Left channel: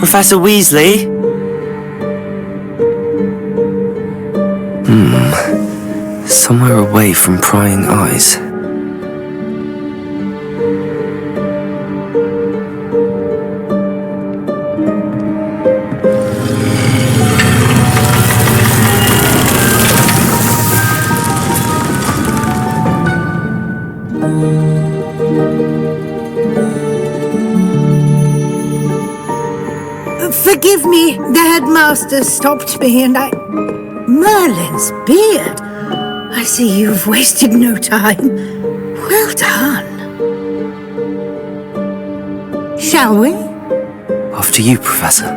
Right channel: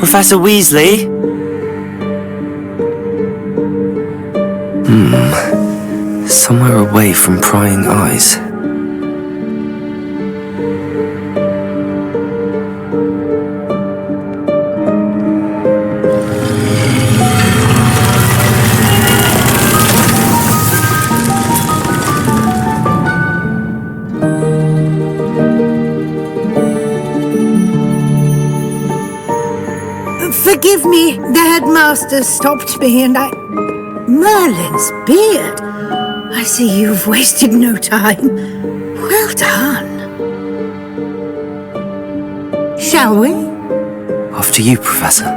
Professor Weasley? Somewhere away from prying eyes. Forgive me, the headmaster stopped me and I... Merlin's beard! I see you've wasted no time. Well done. Shall we? After you, Professor.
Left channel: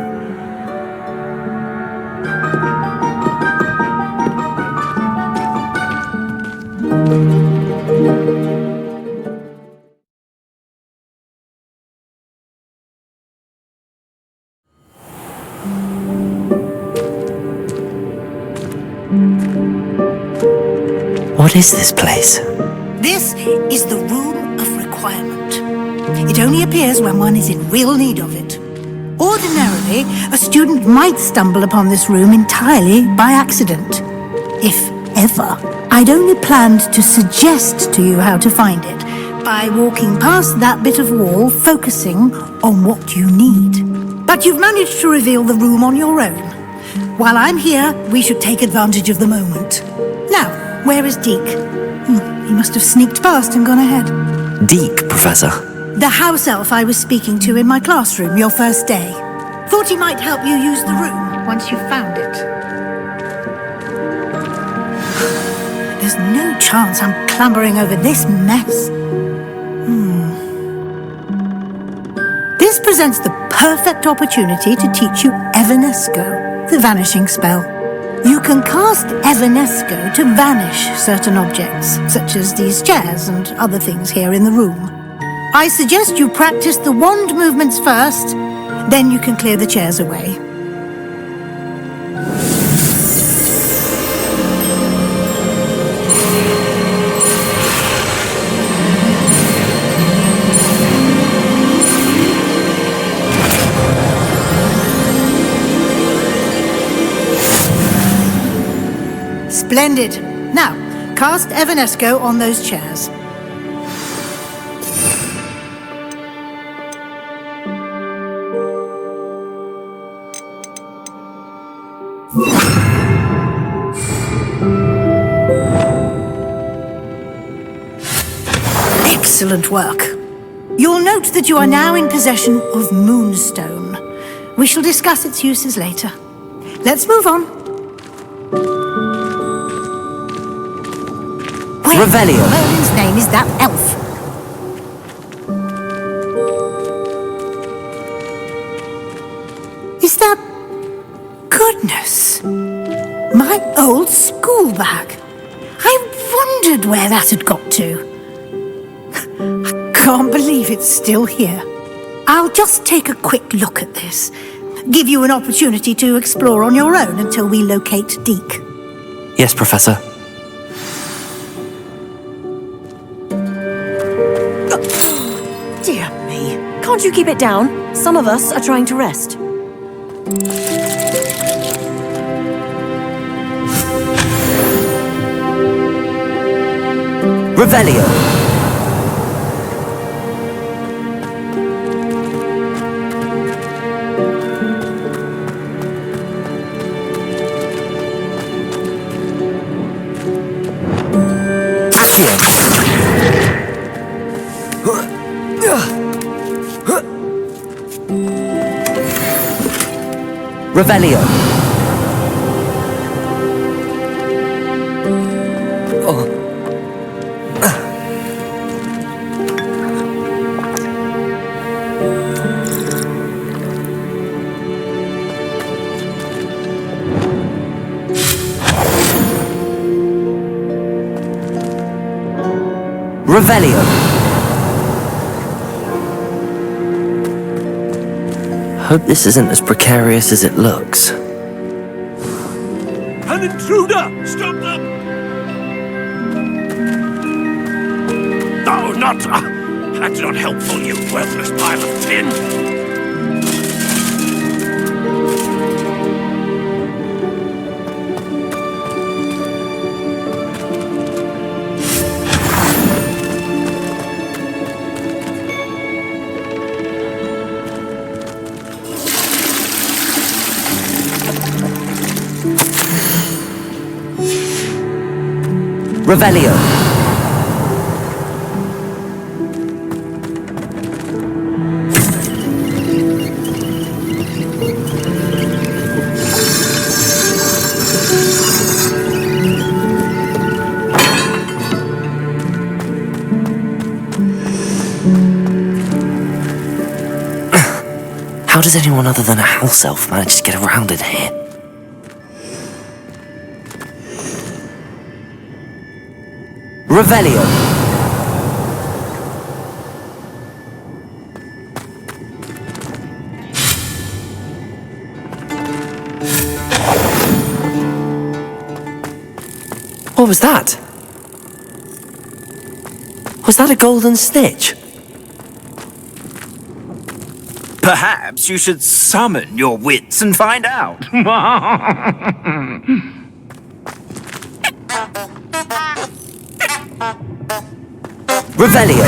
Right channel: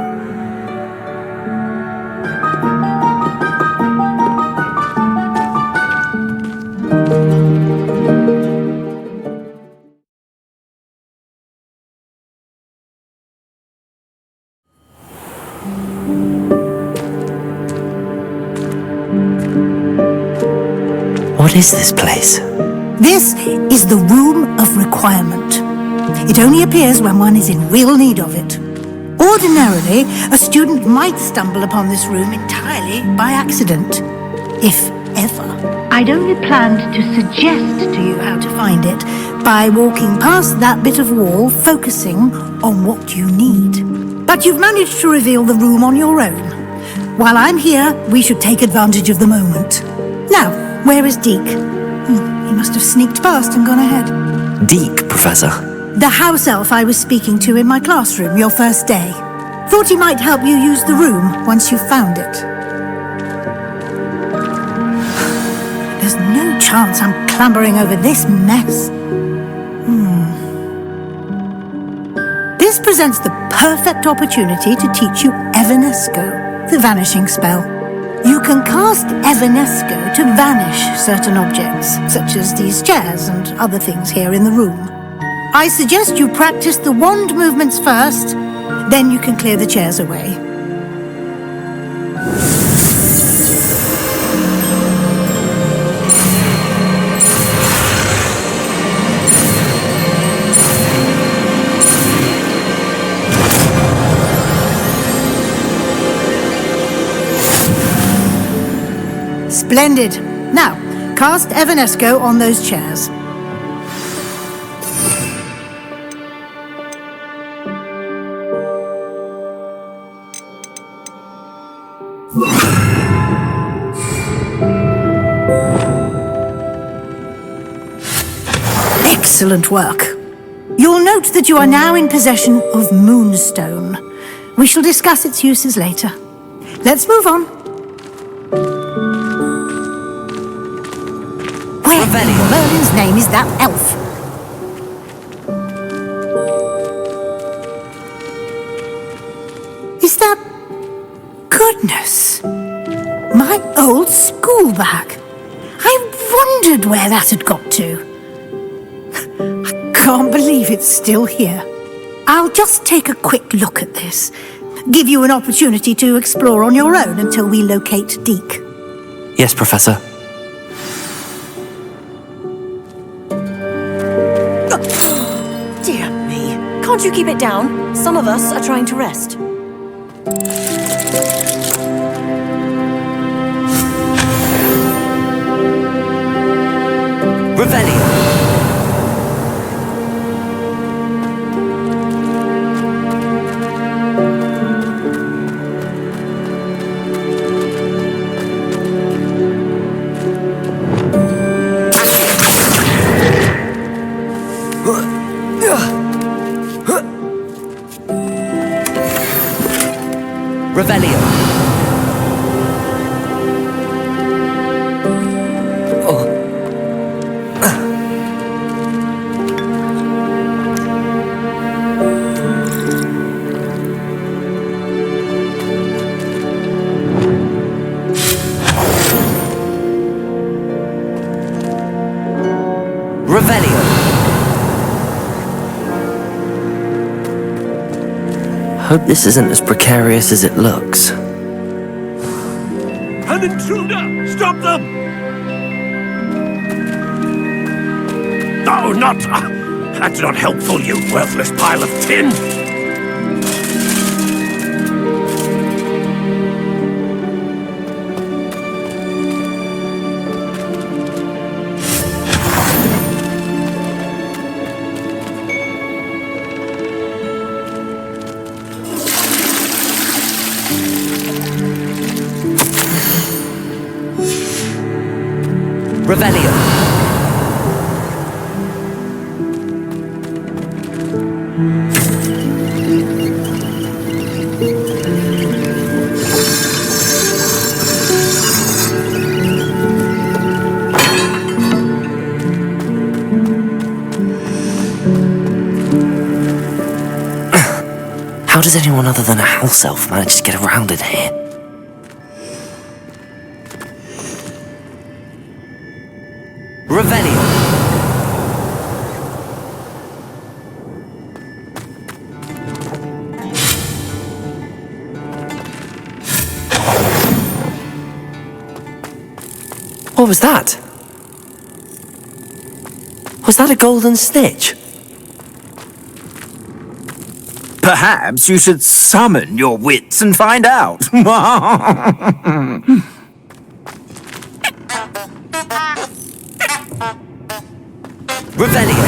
What is this place? This is the Room of Requirement. It only appears when one is in real need of it. Ordinarily, a student might stumble upon this room entirely by accident, if ever. I'd only planned to suggest to you how to find it by walking past that bit of wall, focusing on what you need. But you've managed to reveal the room on your own. While I'm here, we should take advantage of the moment. Now, where is Deke? He must have sneaked past and gone ahead. Deke, Professor. The house elf I was speaking to in my classroom your first day. Thought he might help you use the room once you found it. There's no chance I'm clambering over this mess. This presents the perfect opportunity to teach you Evanesco, the vanishing spell. You can cast Evanesco to vanish certain objects, such as these chairs and other things here in the room. I suggest you practice the wand movements first, then you can clear the chairs away. Splendid. Now, cast Evanesco on those chairs. Excellent work. You'll note that you are now in possession of Moonstone. We shall discuss its uses later. Let's move on. Where Revelio. in Merlin's name is that elf? Is that... Goodness! My old school bag. I wondered where that had got to. I can't believe it's still here. I'll just take a quick look at this. Give you an opportunity to explore on your own until we locate Deke. Yes, Professor. Dear me. Can't you keep it down? Some of us are trying to rest. Revelio. Revelio. Oh. Revelio. Hope this isn't as precarious as it looks. An intruder! Stop them! No, not... that's not helpful, you worthless pile of tin! Revelio. How does anyone other than a house elf manage to get around in here? Revelio. What was that? Was that a golden snitch? Perhaps you should summon your wits and find out. Revelio.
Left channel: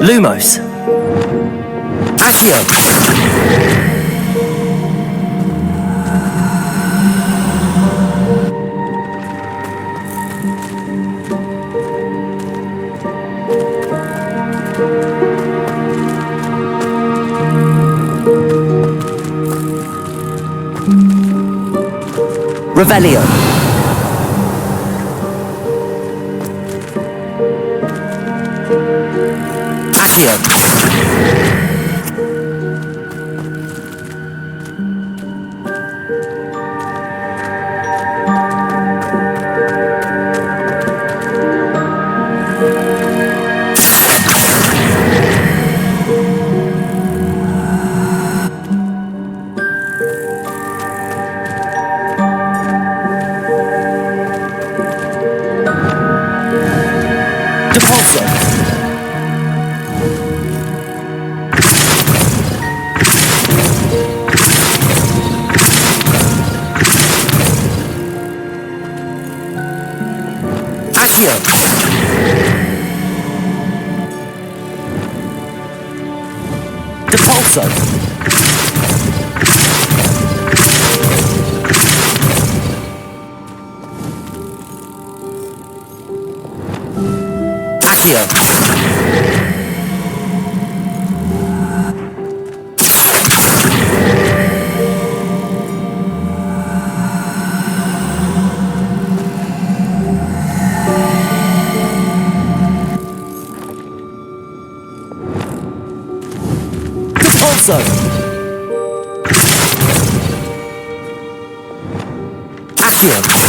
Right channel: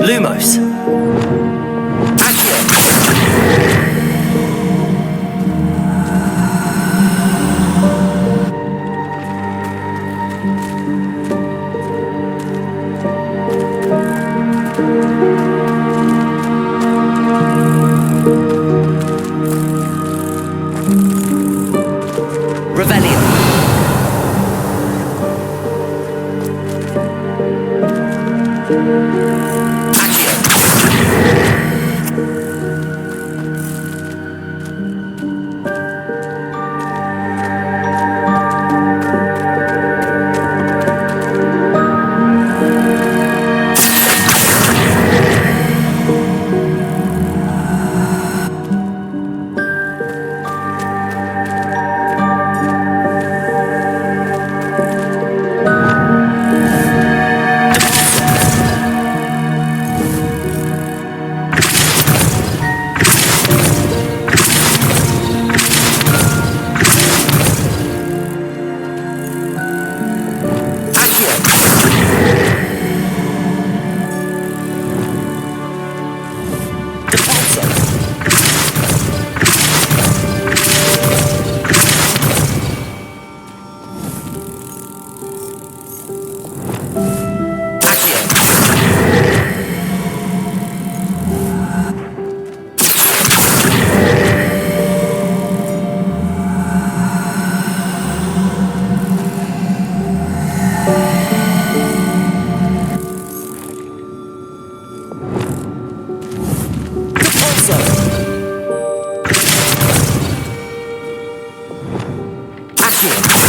Lumos. Accio. Revelio. Accio. Depulso. Accio. Depulso. Accio.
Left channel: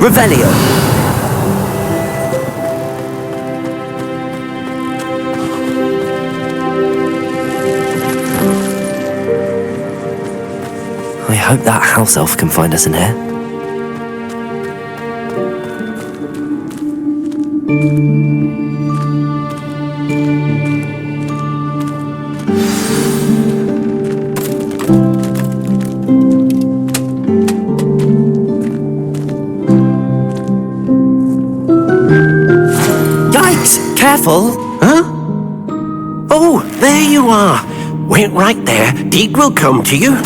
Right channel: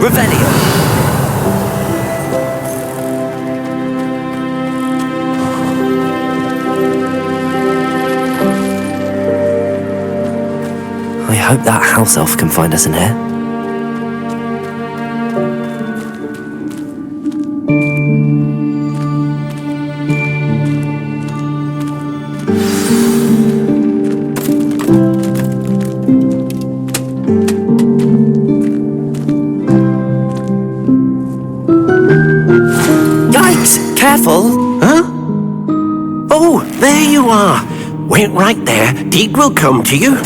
Revelio. I hope that house elf can find us in here. Yikes! Careful! Huh? Oh, there you are. Wait right there. Deke will come to you.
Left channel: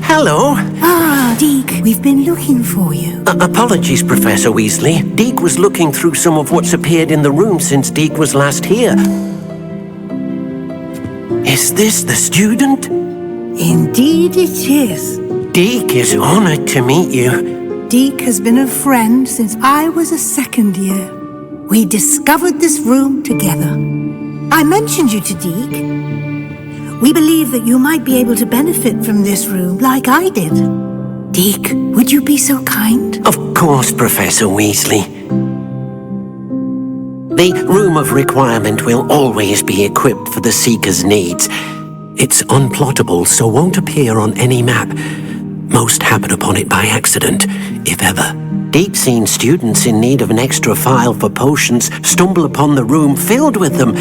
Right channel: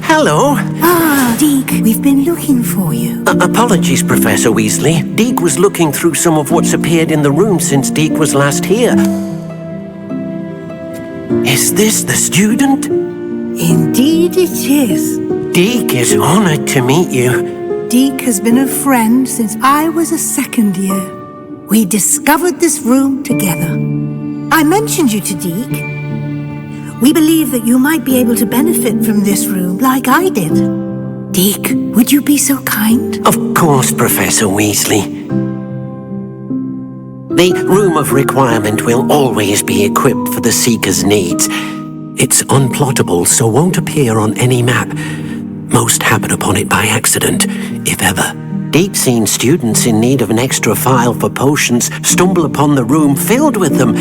Hello. Ah, Deke, we've been looking for you. Apologies, Professor Weasley. Deke was looking through some of what's appeared in the room since Deke was last here. Is this the student? Indeed it is. Deke is honored to meet you. Deke has been a friend since I was a second year. We discovered this room together. I mentioned you to Deke. We believe that you might be able to benefit from this room like I did. Deke, would you be so kind? Of course, Professor Weasley. The Room of Requirement will always be equipped for the Seeker's needs. It's unplottable, so won't appear on any map. Most happen upon it by accident, if ever. Deep-seen students in need of an extra file for potions stumble upon the room filled with them.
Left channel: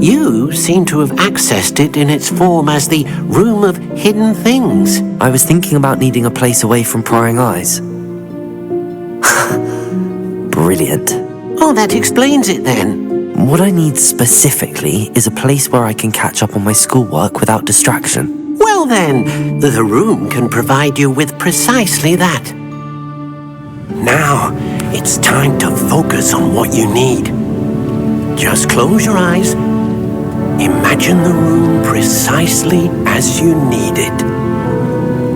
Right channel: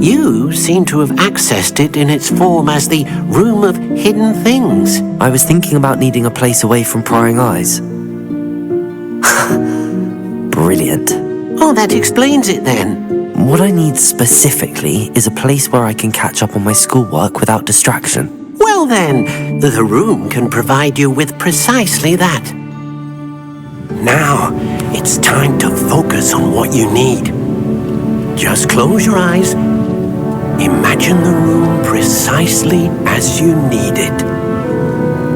You seem to have accessed it in its form as the Room of Hidden Things. I was thinking about needing a place away from prying eyes. Brilliant. Oh, that explains it then. What I need specifically is a place where I can catch up on my schoolwork without distraction. Well then, the room can provide you with precisely that. Now, it's time to focus on what you need. Just close your eyes. Imagine the room precisely as you need it.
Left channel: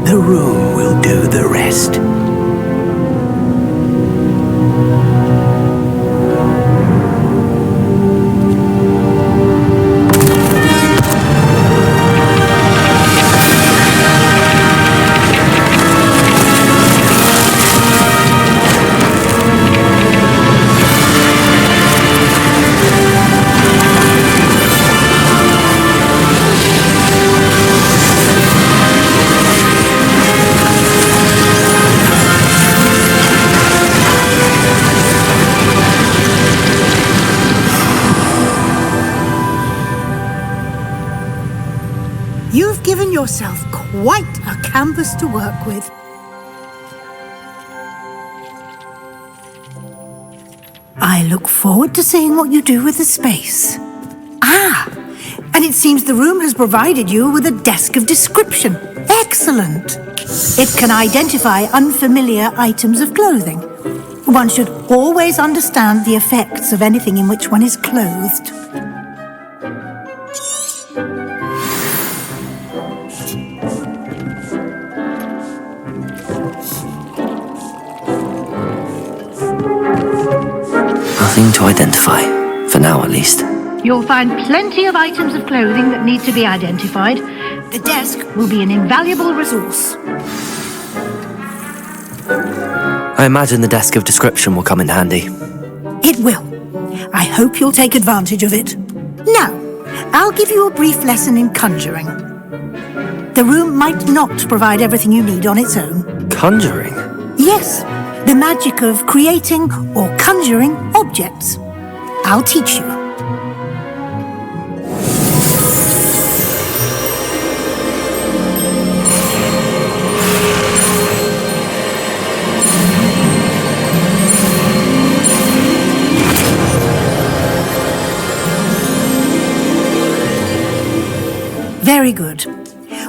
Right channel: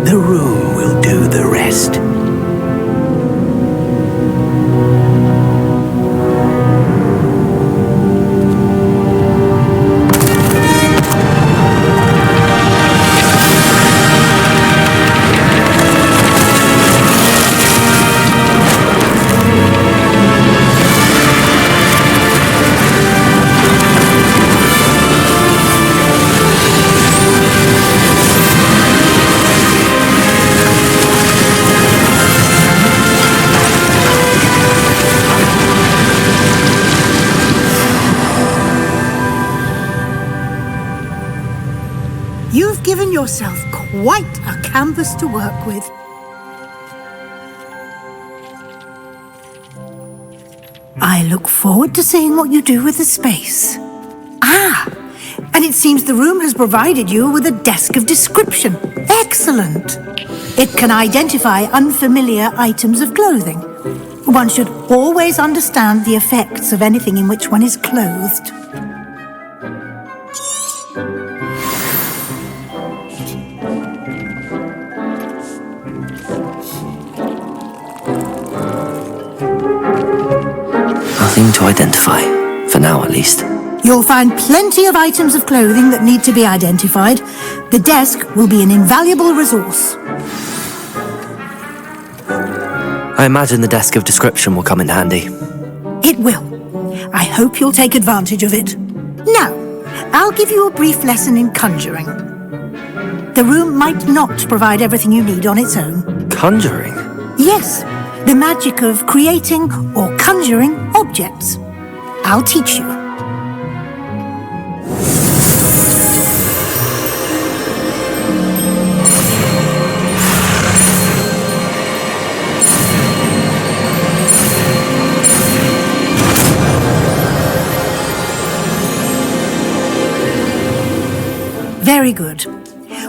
The room will do the rest. You've given yourself quite a canvas to work with. I look forward to seeing what you do with the space. And it seems the room has provided you with a desk of description. Excellent. It can identify unfamiliar items of clothing. One should always understand the effects of anything in which one is clothed. Nothing to identify, for now at least. You'll find plenty of items of clothing that need to be identified. The desk will be an invaluable resource. I imagine the desk of description will come in handy. It will. I hope you'll take advantage of it. Now, I'll give you a brief lesson in conjuring. The room might not provide everything you need on its own. Conjuring? Yes, the magic of creating or conjuring objects. I'll teach you. Very good.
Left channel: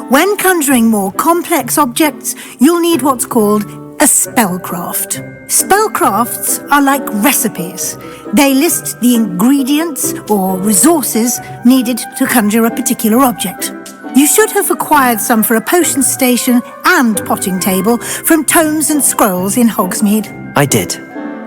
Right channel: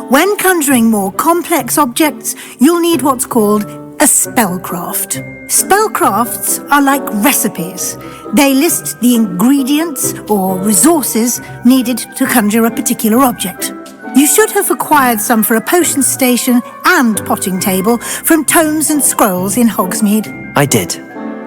When conjuring more complex objects, you'll need what's called a spellcraft. Spellcrafts are like recipes. They list the ingredients or resources needed to conjure a particular object. You should have acquired some for a potion station and potting table from tomes and scrolls in Hogsmeade. I did.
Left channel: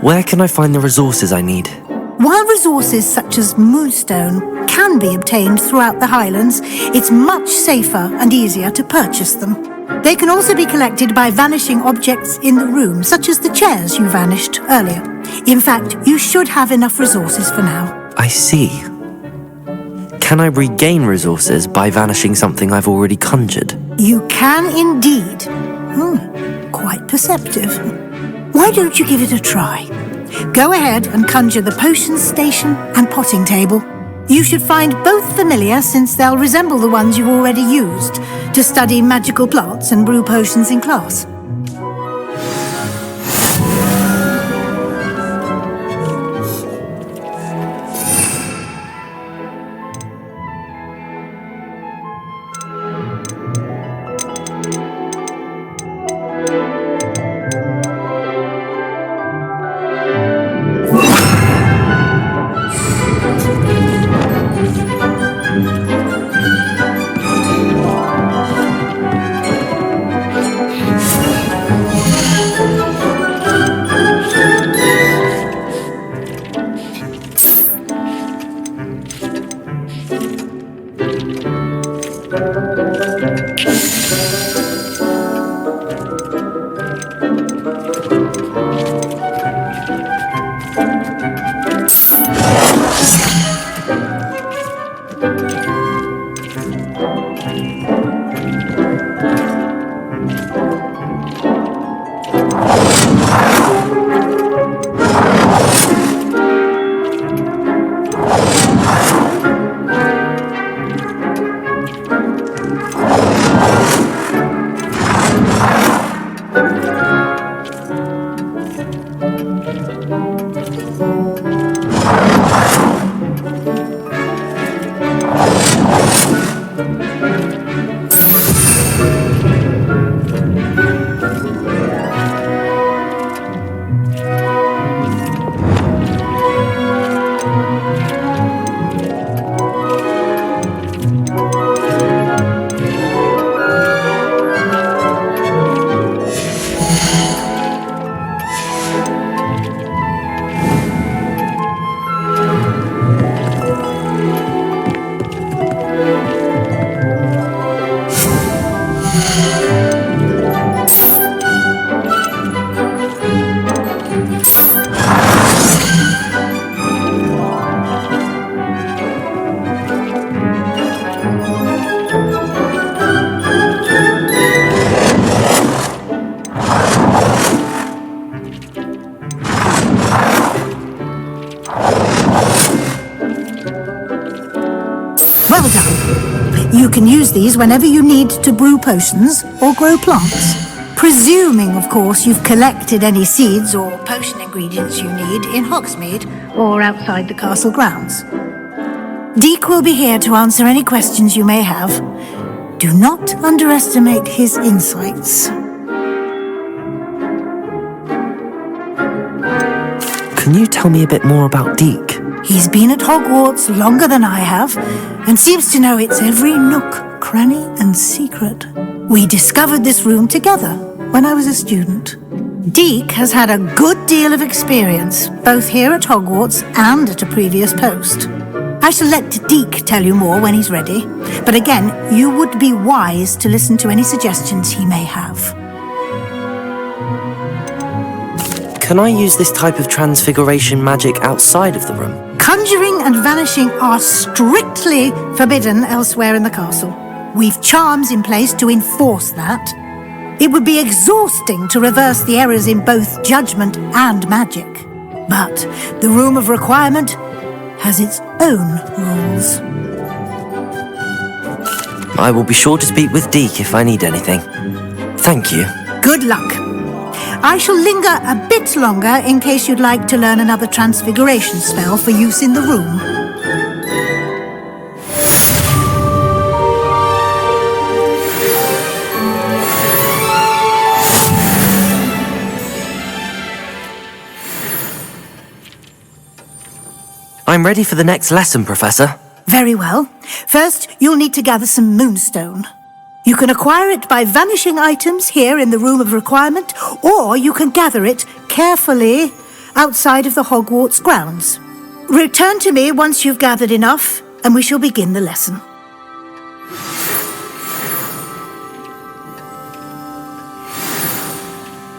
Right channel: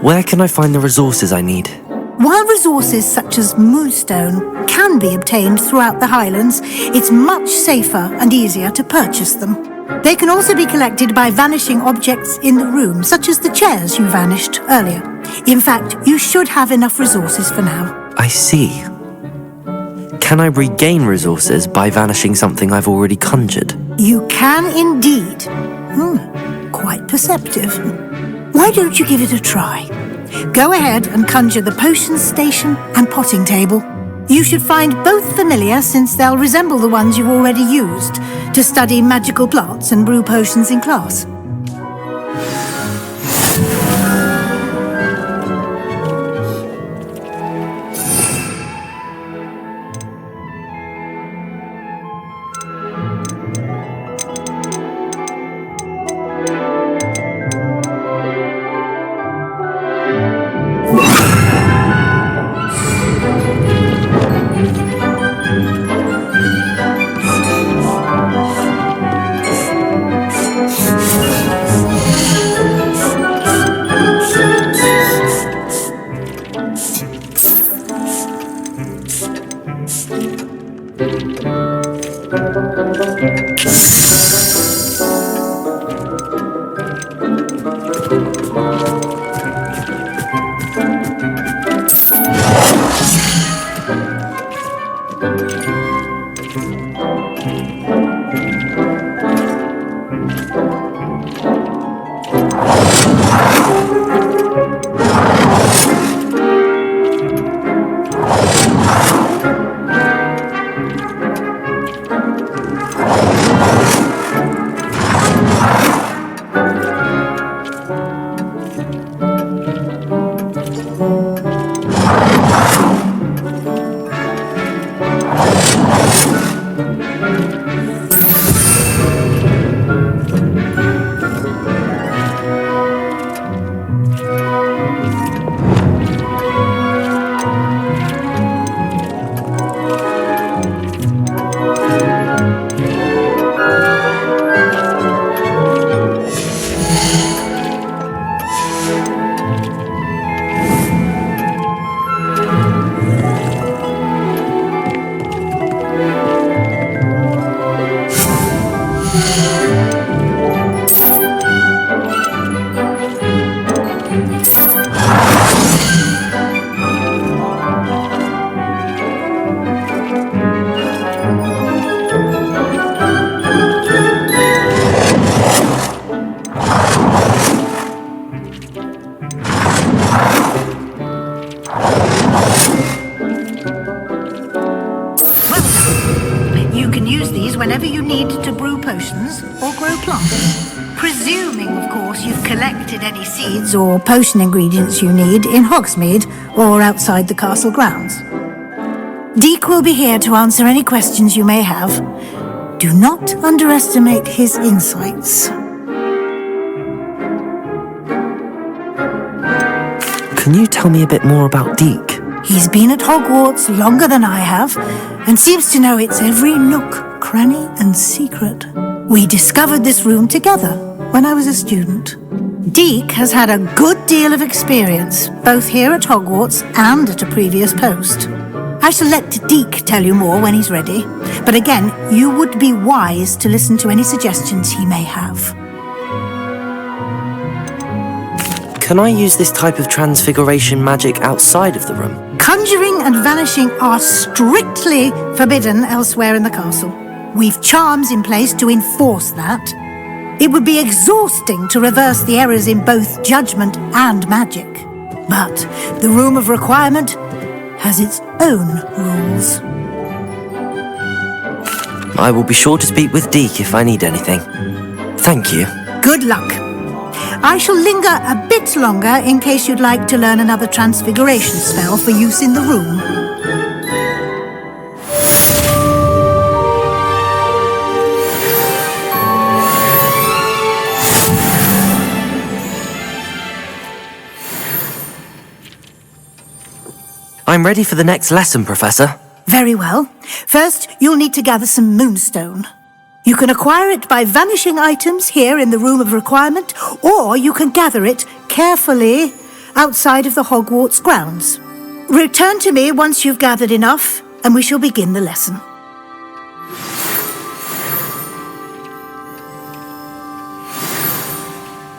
Where can I find the resources I need? While resources such as moonstone can be obtained throughout the Highlands, it's much safer and easier to purchase them. They can also be collected by vanishing objects in the room, such as the chairs you vanished earlier. In fact, you should have enough resources for now. I see. Can I regain resources by vanishing something I've already conjured? You can indeed. Quite perceptive. Why don't you give it a try? Go ahead and conjure the potion station and potting table. You should find both familiar, since they'll resemble the ones you've already used to study magical plants and brew potions in class. You can use these whenever you need to brew potions or grow plants. Presuming, of course, you've collected any seeds or potion ingredients you need in Hogsmeade or outside the castle grounds. Deek will be here to answer any questions you may have. Do not underestimate his insights. Can you tell me a bit more about Deek? He's been at Hogwarts longer than I have, and seems to know its every nook, cranny, and secret. We discovered this room together when I was a student. Deek has had a good deal of experience, both here at Hogwarts and at a previous post. I shall let Deek tell you more when he's ready, but again, you would be wise to listen to any suggestions he may have. Can I use this type of transfiguration magic outside of the room? Conjuring and vanishing are strictly forbidden elsewhere in the castle. We've charms in place to enforce that. It would be exhausting to reverse the errors in both judgment and magic. But the Room of Requirement has its own rules. I will be sure to speak with Deek if I need anything. Thank you. Good luck. I shall linger a bit longer in case you'd like to learn another transfiguration spell for use in the room. I'm ready for the next lesson, Professor. Very well. First, you'll need to gather some moonstone. You can acquire it by vanishing items here in the Room of Requirement, or you can gather it carefully outside of the Hogwarts grounds. Return to me once you've gathered enough, and we shall begin the lesson.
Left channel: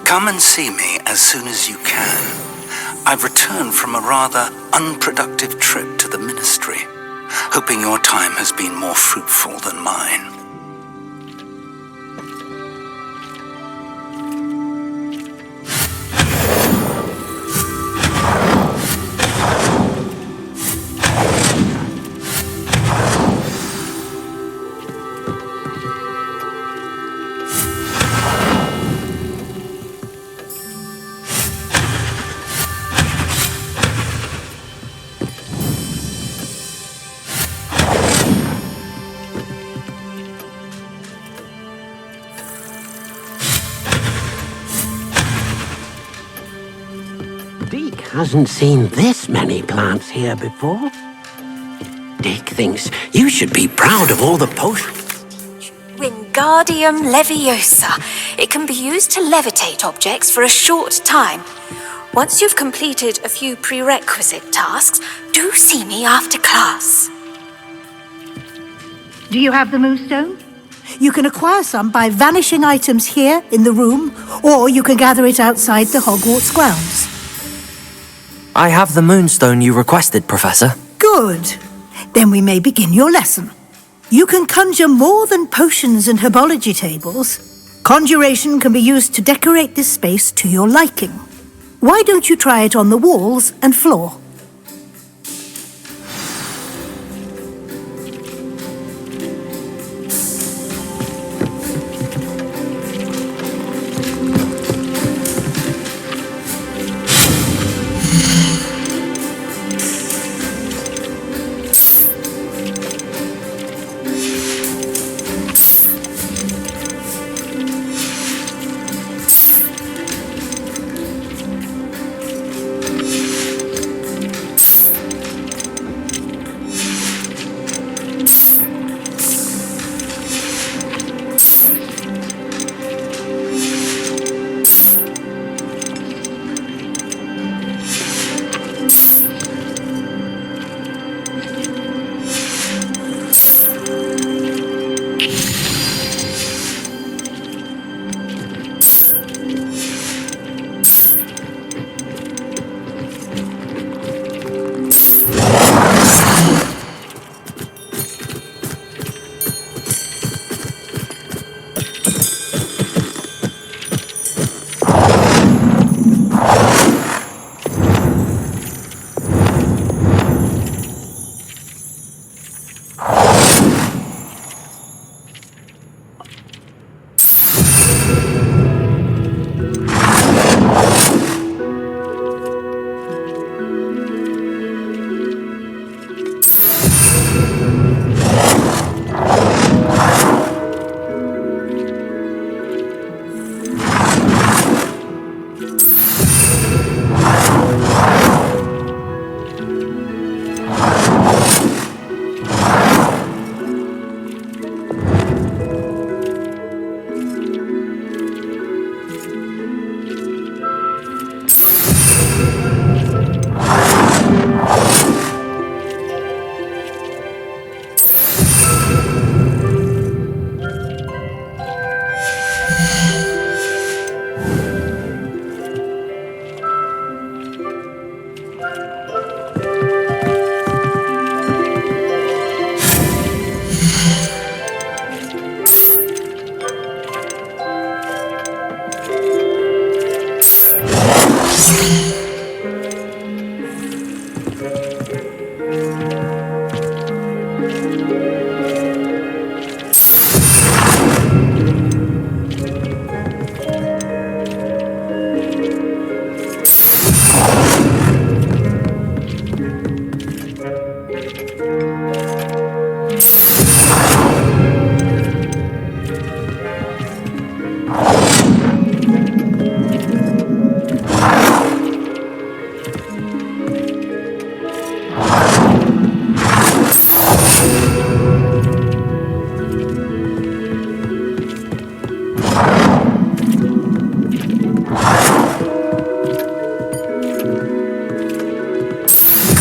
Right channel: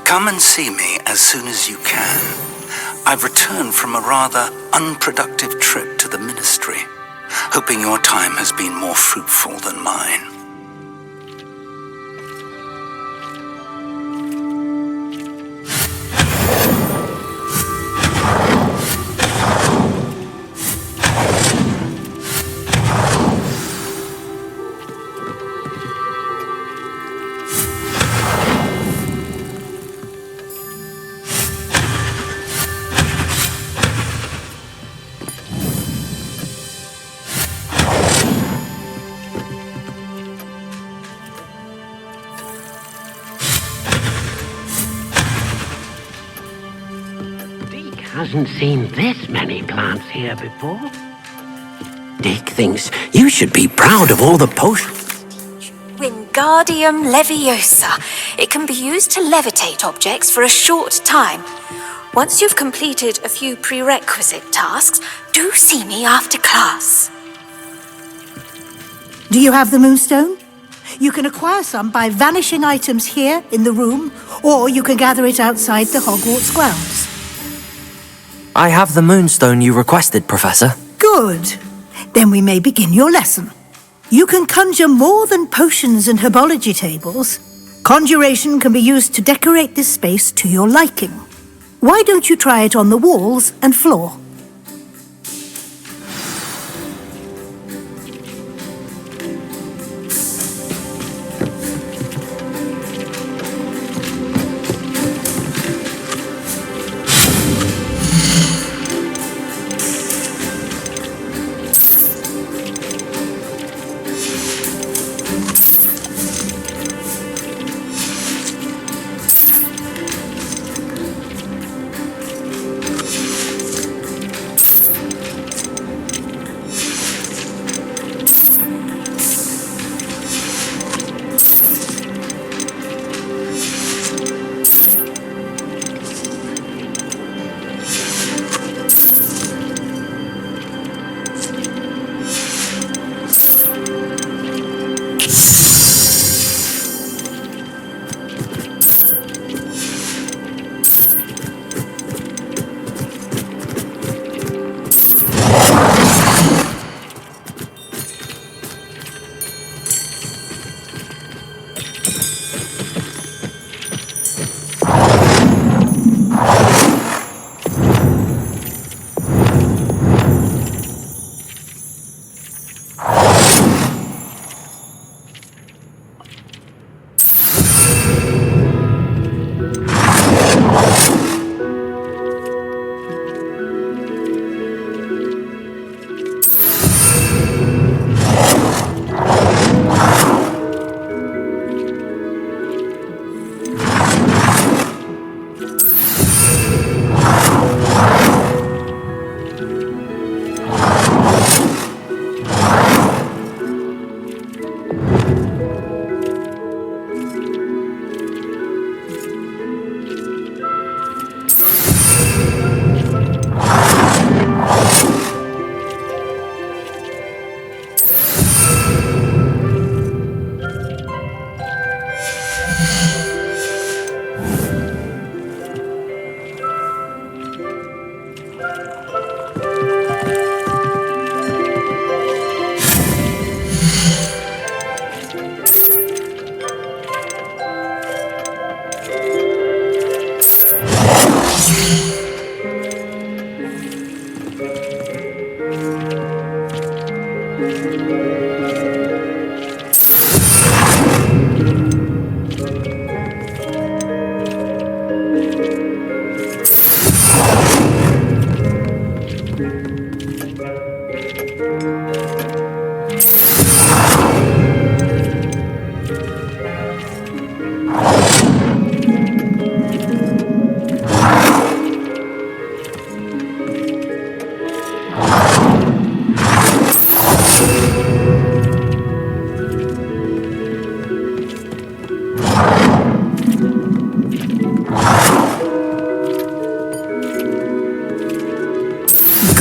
Come and see me as soon as you can. I've returned from a rather unproductive trip to the Ministry, hoping your time has been more fruitful than mine. Deek hasn't seen this many plants here before. Deek thinks you should be proud of all the potions. Wingardium Leviosa. It can be used to levitate objects for a short time. Once you've completed a few prerequisite tasks, do see me after class. Do you have the moonstone? You can acquire some by vanishing items here in the room, or you can gather it outside the Hogwarts grounds. I have the moonstone you requested, Professor. Good. Then we may begin your lesson. You can conjure more than potions and herbology tables. Conjuration can be used to decorate this space to your liking. Why don't you try it on the walls and floor?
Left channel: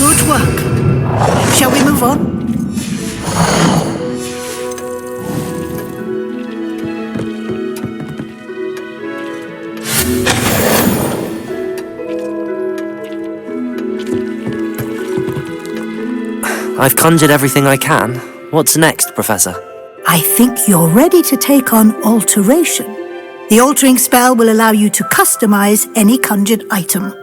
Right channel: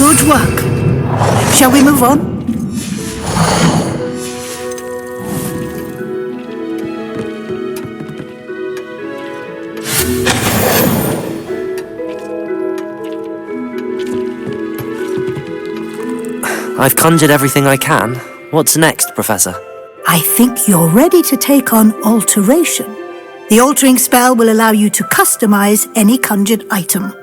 Good work. Shall we move on? I've conjured everything I can. What's next, Professor? I think you're ready to take on alteration. The altering spell will allow you to customize any conjured item.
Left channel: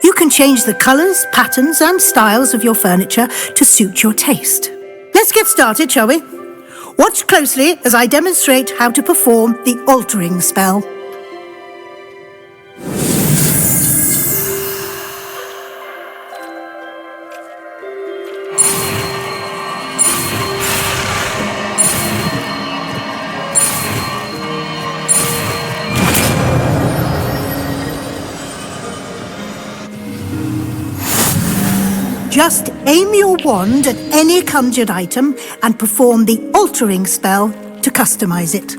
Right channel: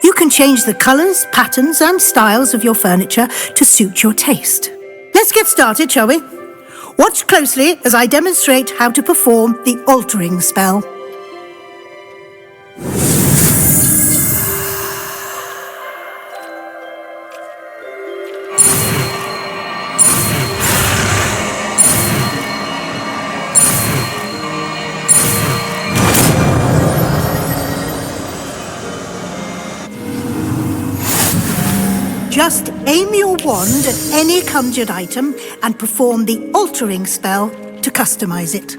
You can change the colors, patterns, and styles of your furniture to suit your taste. Let's get started, shall we? Watch closely as I demonstrate how to perform the altering spell. Just aim your wand at any conjured item and perform the altering spell to customize it.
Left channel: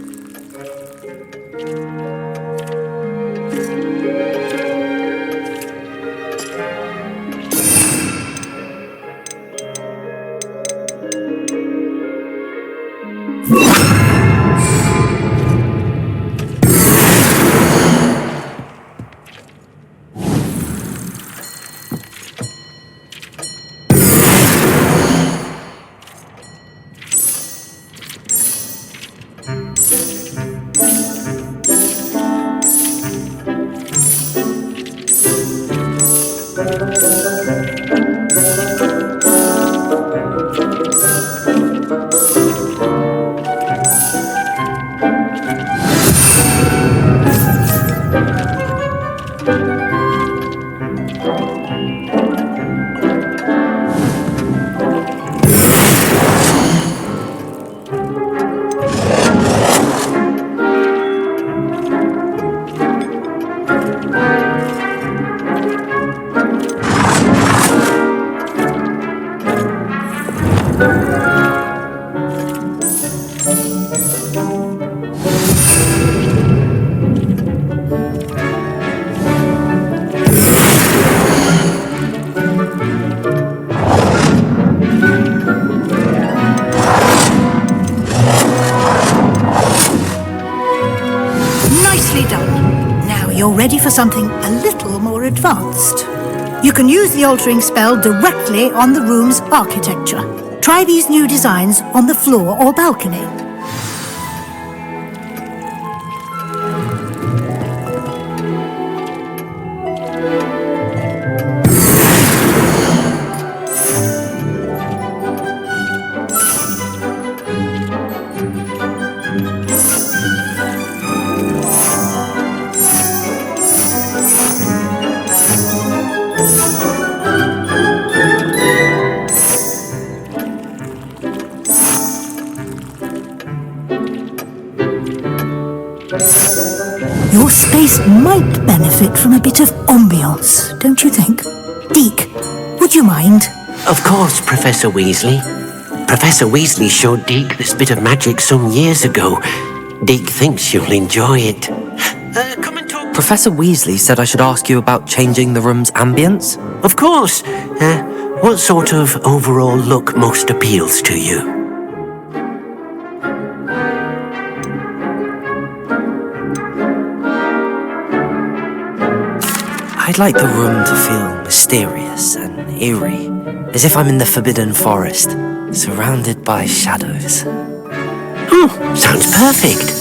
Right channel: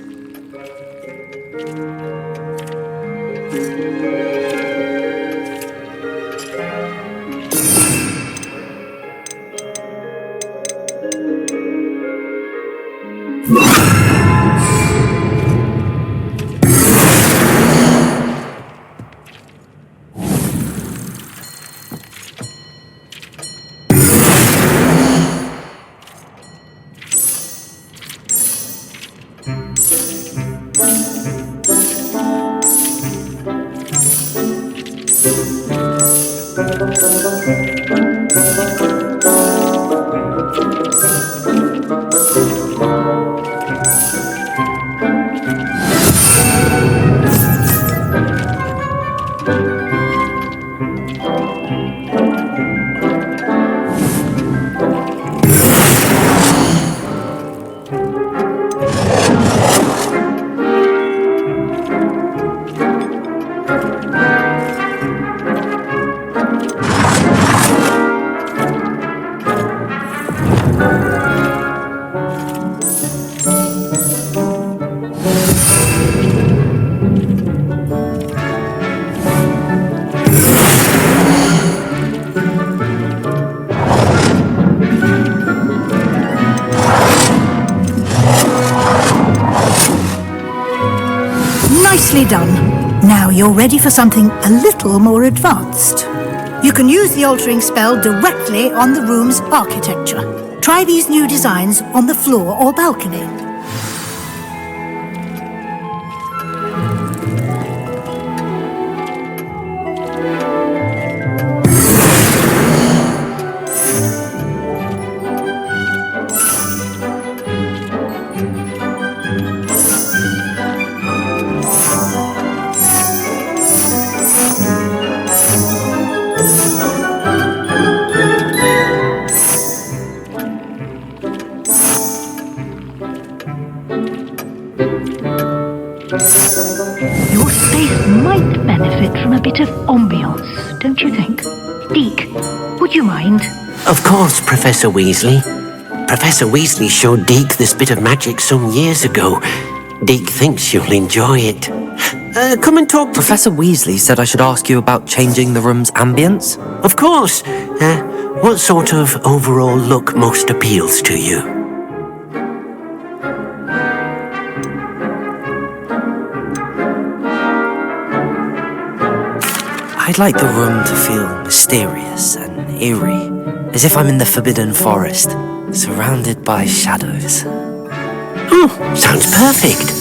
Nicely done. Now you're ready for something a little more advanced. You can use the altering spell directly on the room's architecture. Try these new designs on the floor or balcony. Your space might benefit from a bit of ambience, don't you think? Deke, would you mind? Of course, Professor Weasley. Professor Weasley showed Deke this bit of magic some years ago. Deke thinks you'll enjoy it. Come and talk. Professor Weasley said I should ask you about changing the room's ambience. Of course. What sort of overall look most appeals to you? I'd like the room to feel mysterious and eerie, as if I'm in the Forbidden Forest, surrounded by shadows. Oh, sounds perfect.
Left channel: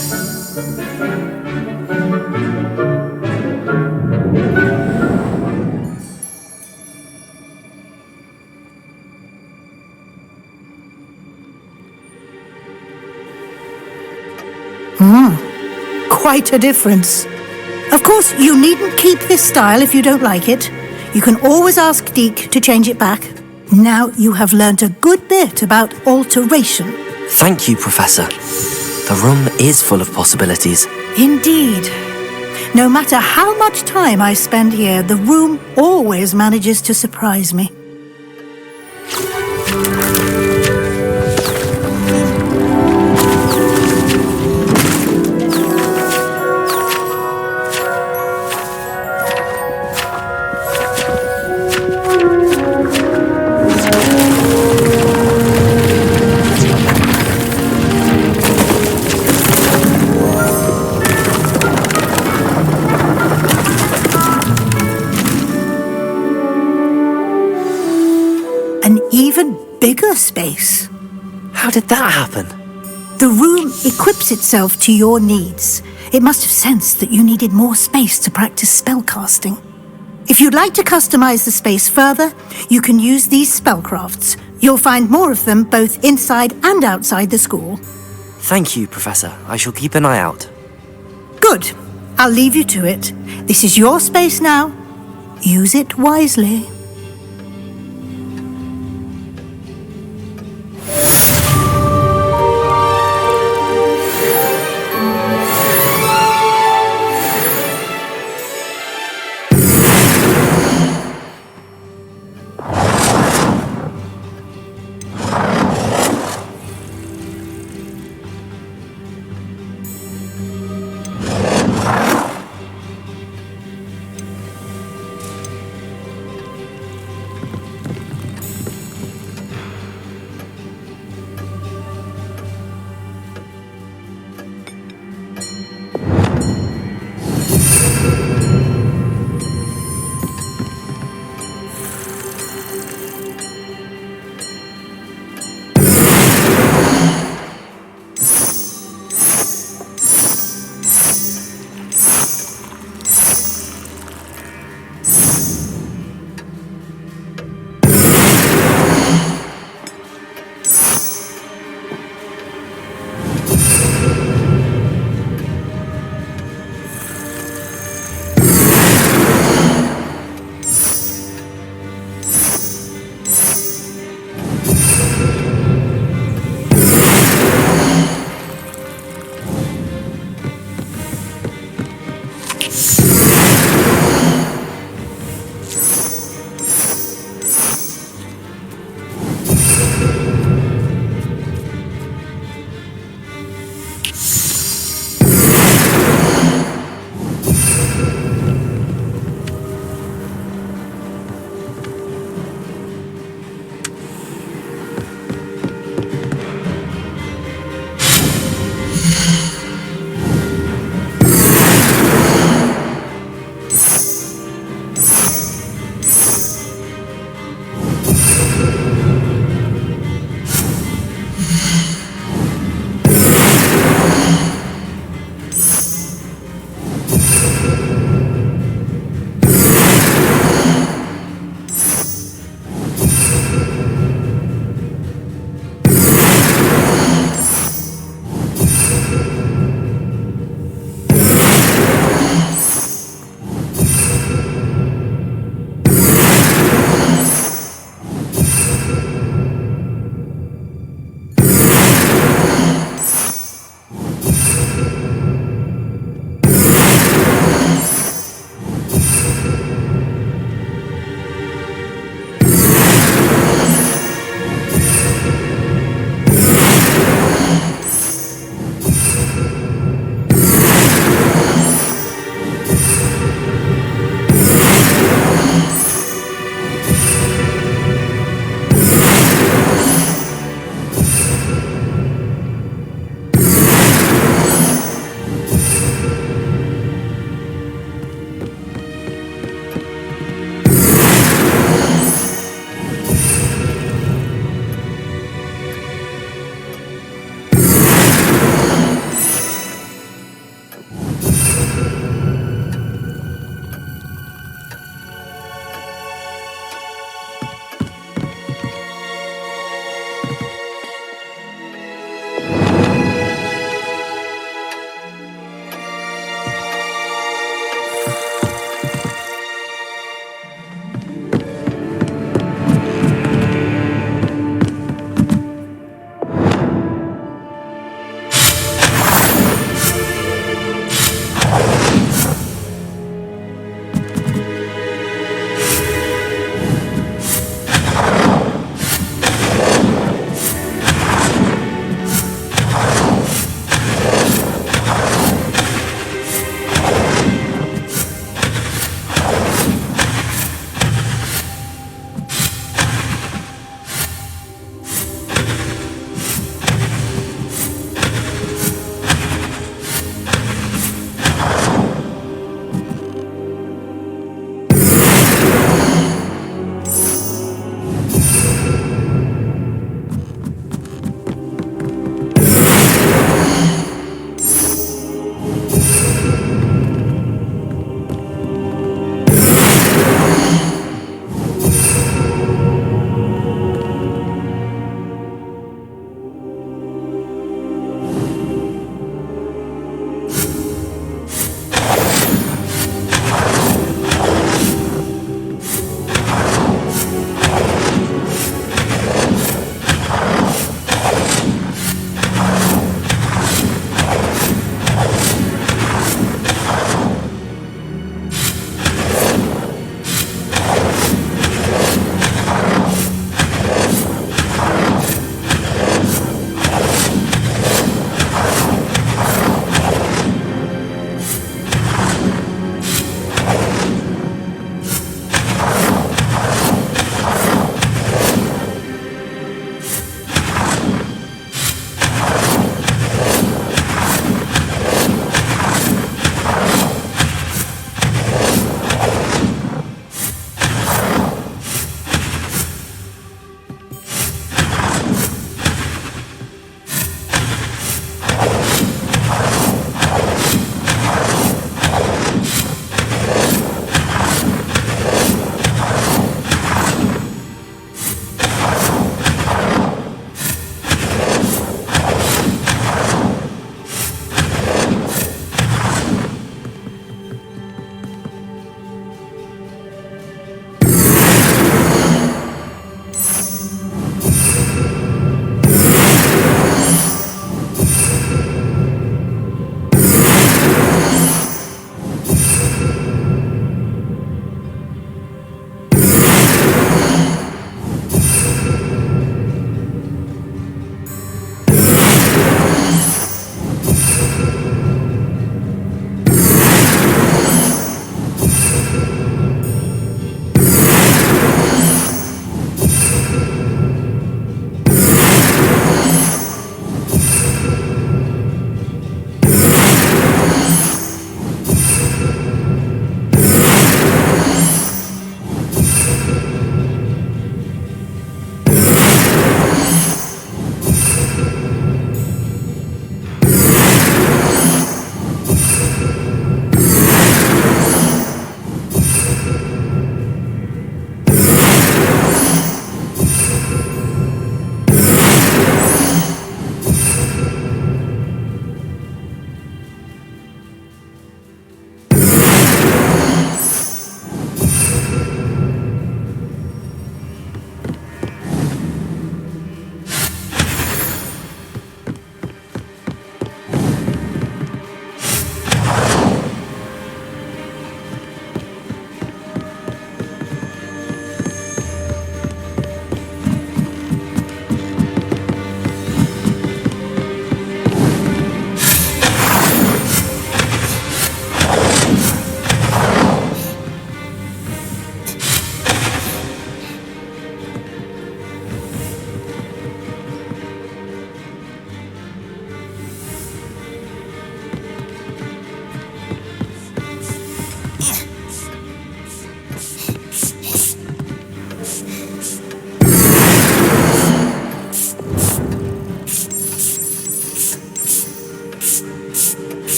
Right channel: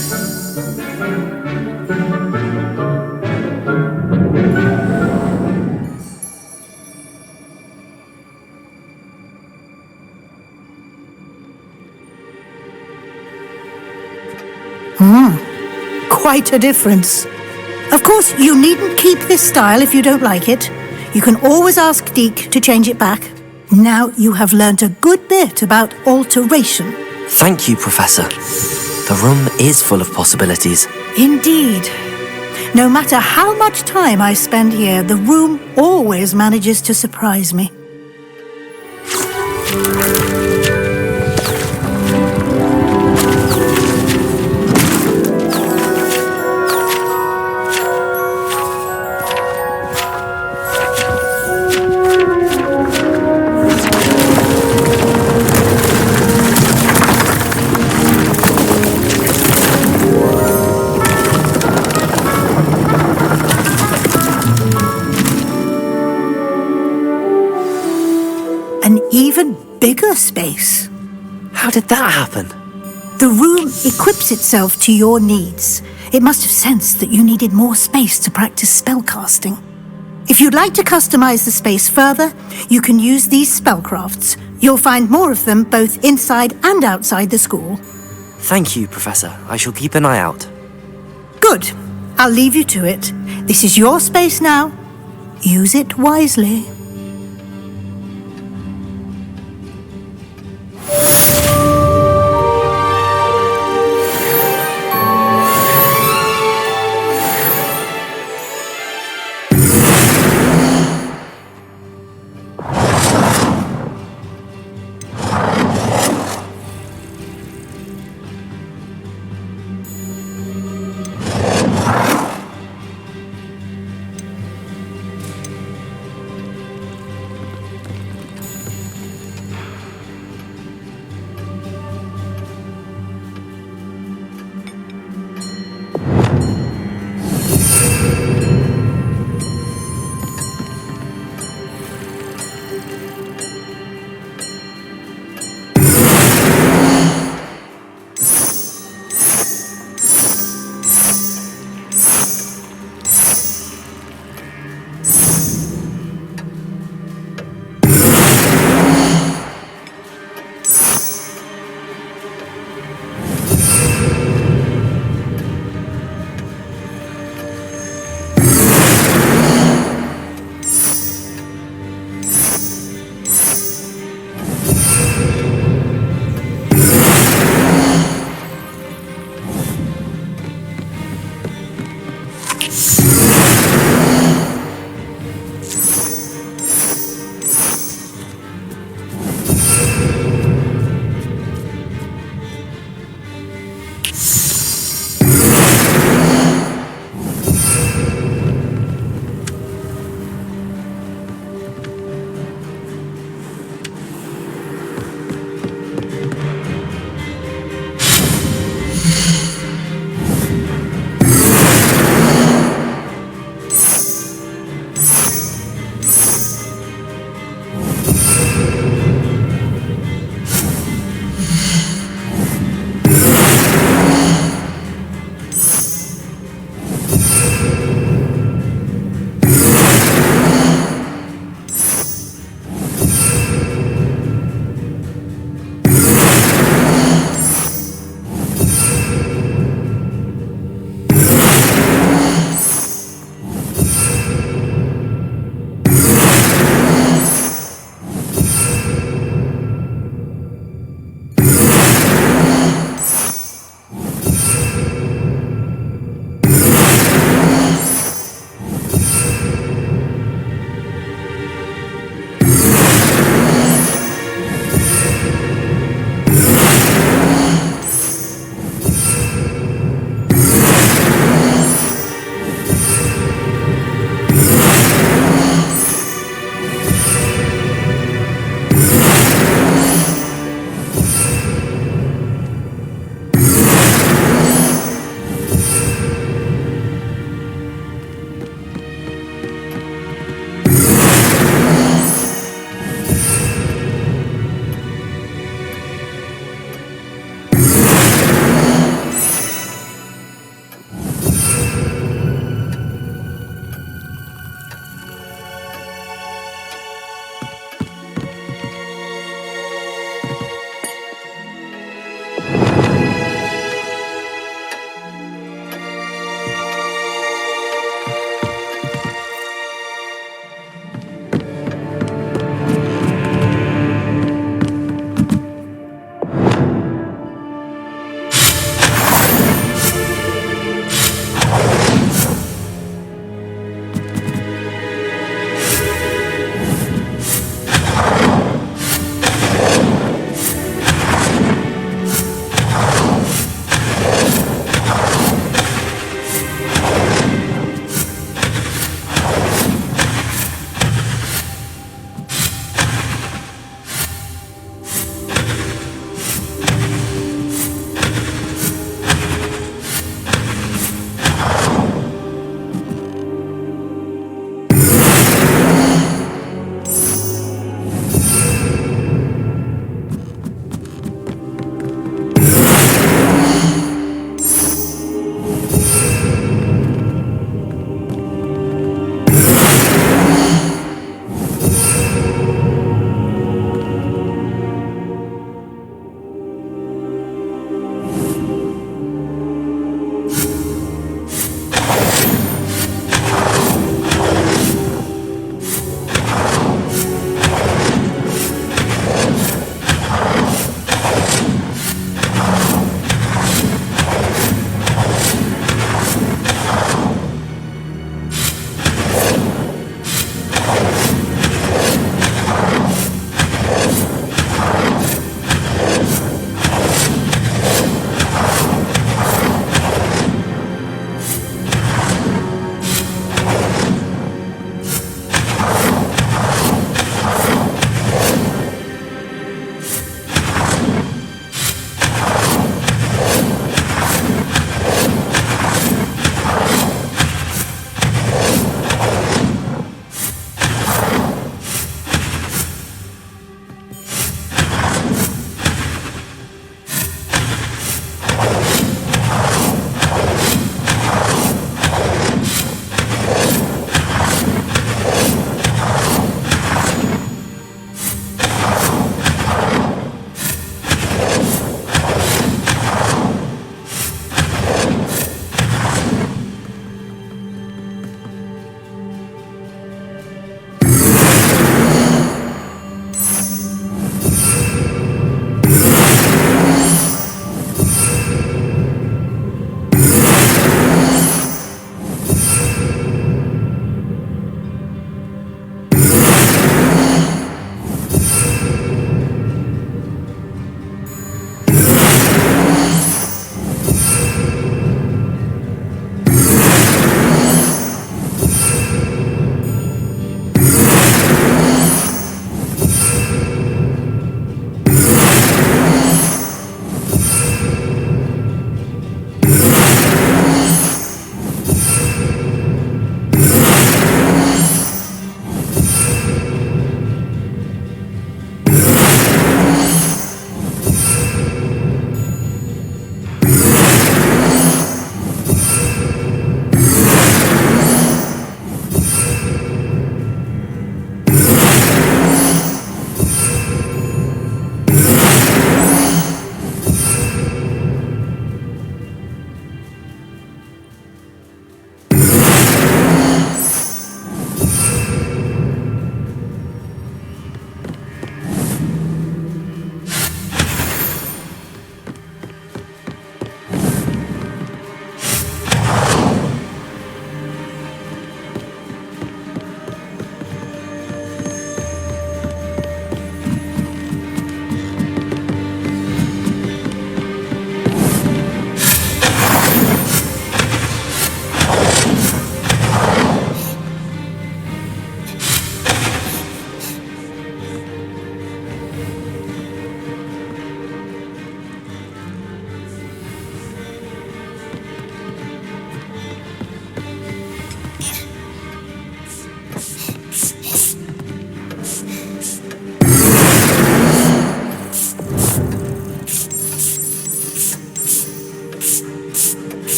Quite a difference. Of course, you needn't keep this style if you don't like it. You can always ask Deke to change it back. Now you have learnt a good bit about alteration. Thank you, Professor. The room is full of possibilities. Indeed. No matter how much time I spend here, the room always manages to surprise me. an even bigger space. How did that happen? The room equips itself to your needs. It must have sensed that you needed more space to practice spellcasting. If you'd like to customize the space further, you can use these spellcrafts. You'll find more of them both inside and outside the school. Thank you, Professor. I shall keep an eye out. Good. I'll leave you to it. This is your space now. Use it wisely.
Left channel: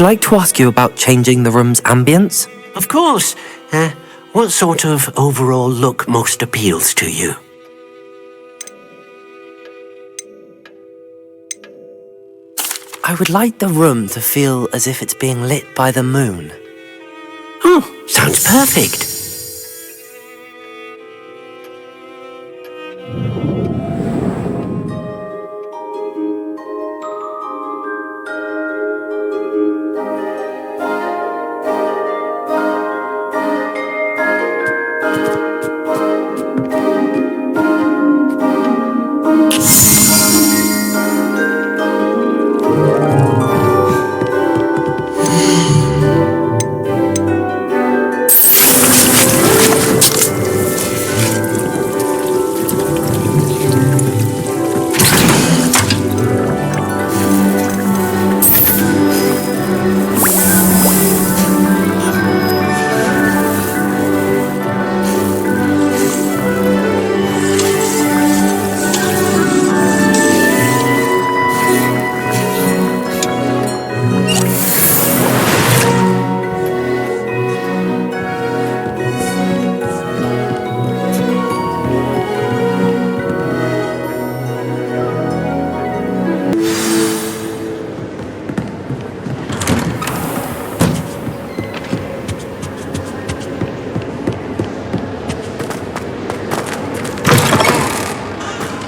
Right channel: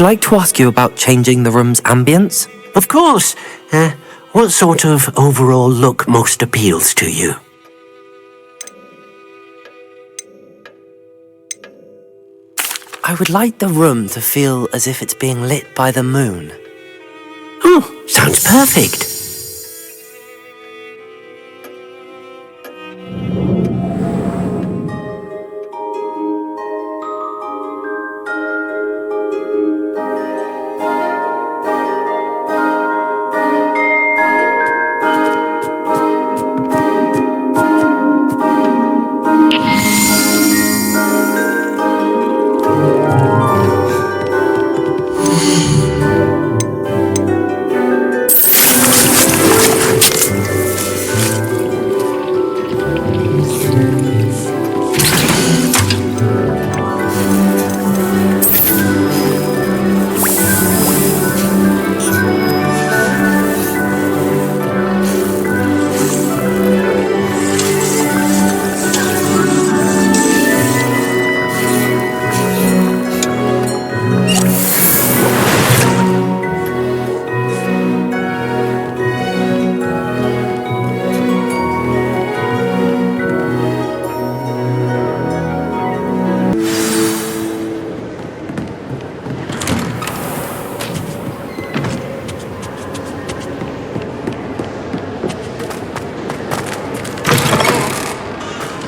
I'd like to ask you about changing the room's ambience. Of course. What sort of overall look most appeals to you? I would like the room to feel as if it's being lit by the moon. Oh, sounds perfect.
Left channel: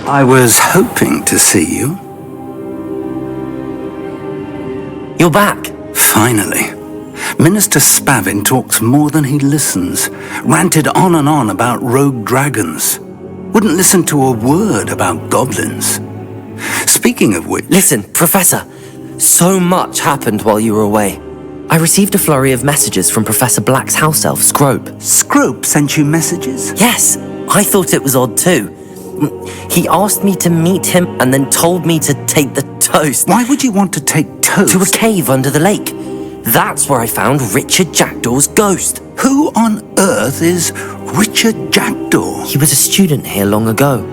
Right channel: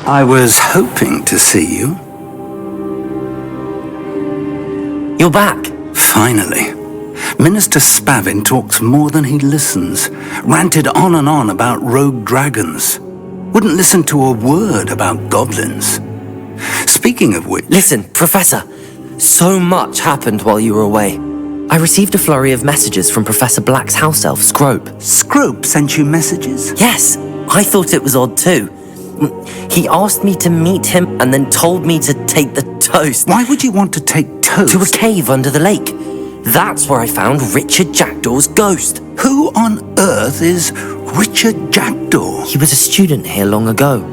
I was hoping to see you. You're back. Finally. Minister Spavin talks more than he listens. Ranted on and on about rogue dragons. Wouldn't listen to a word about goblins. Speaking of which... Listen, Professor. So much happened while you were away. I received a flurry of messages from Professor Black's house elf, Scrope. Scrope sent you messages? Yes, I thought it was odd too. He asked me to meet him and then told me to take the toast. Why would you want to take toast? To a cave under the lake. That's where I found Richard Jackdaw's ghost. Who on earth is Richard Jackdaw? He was a student here long ago.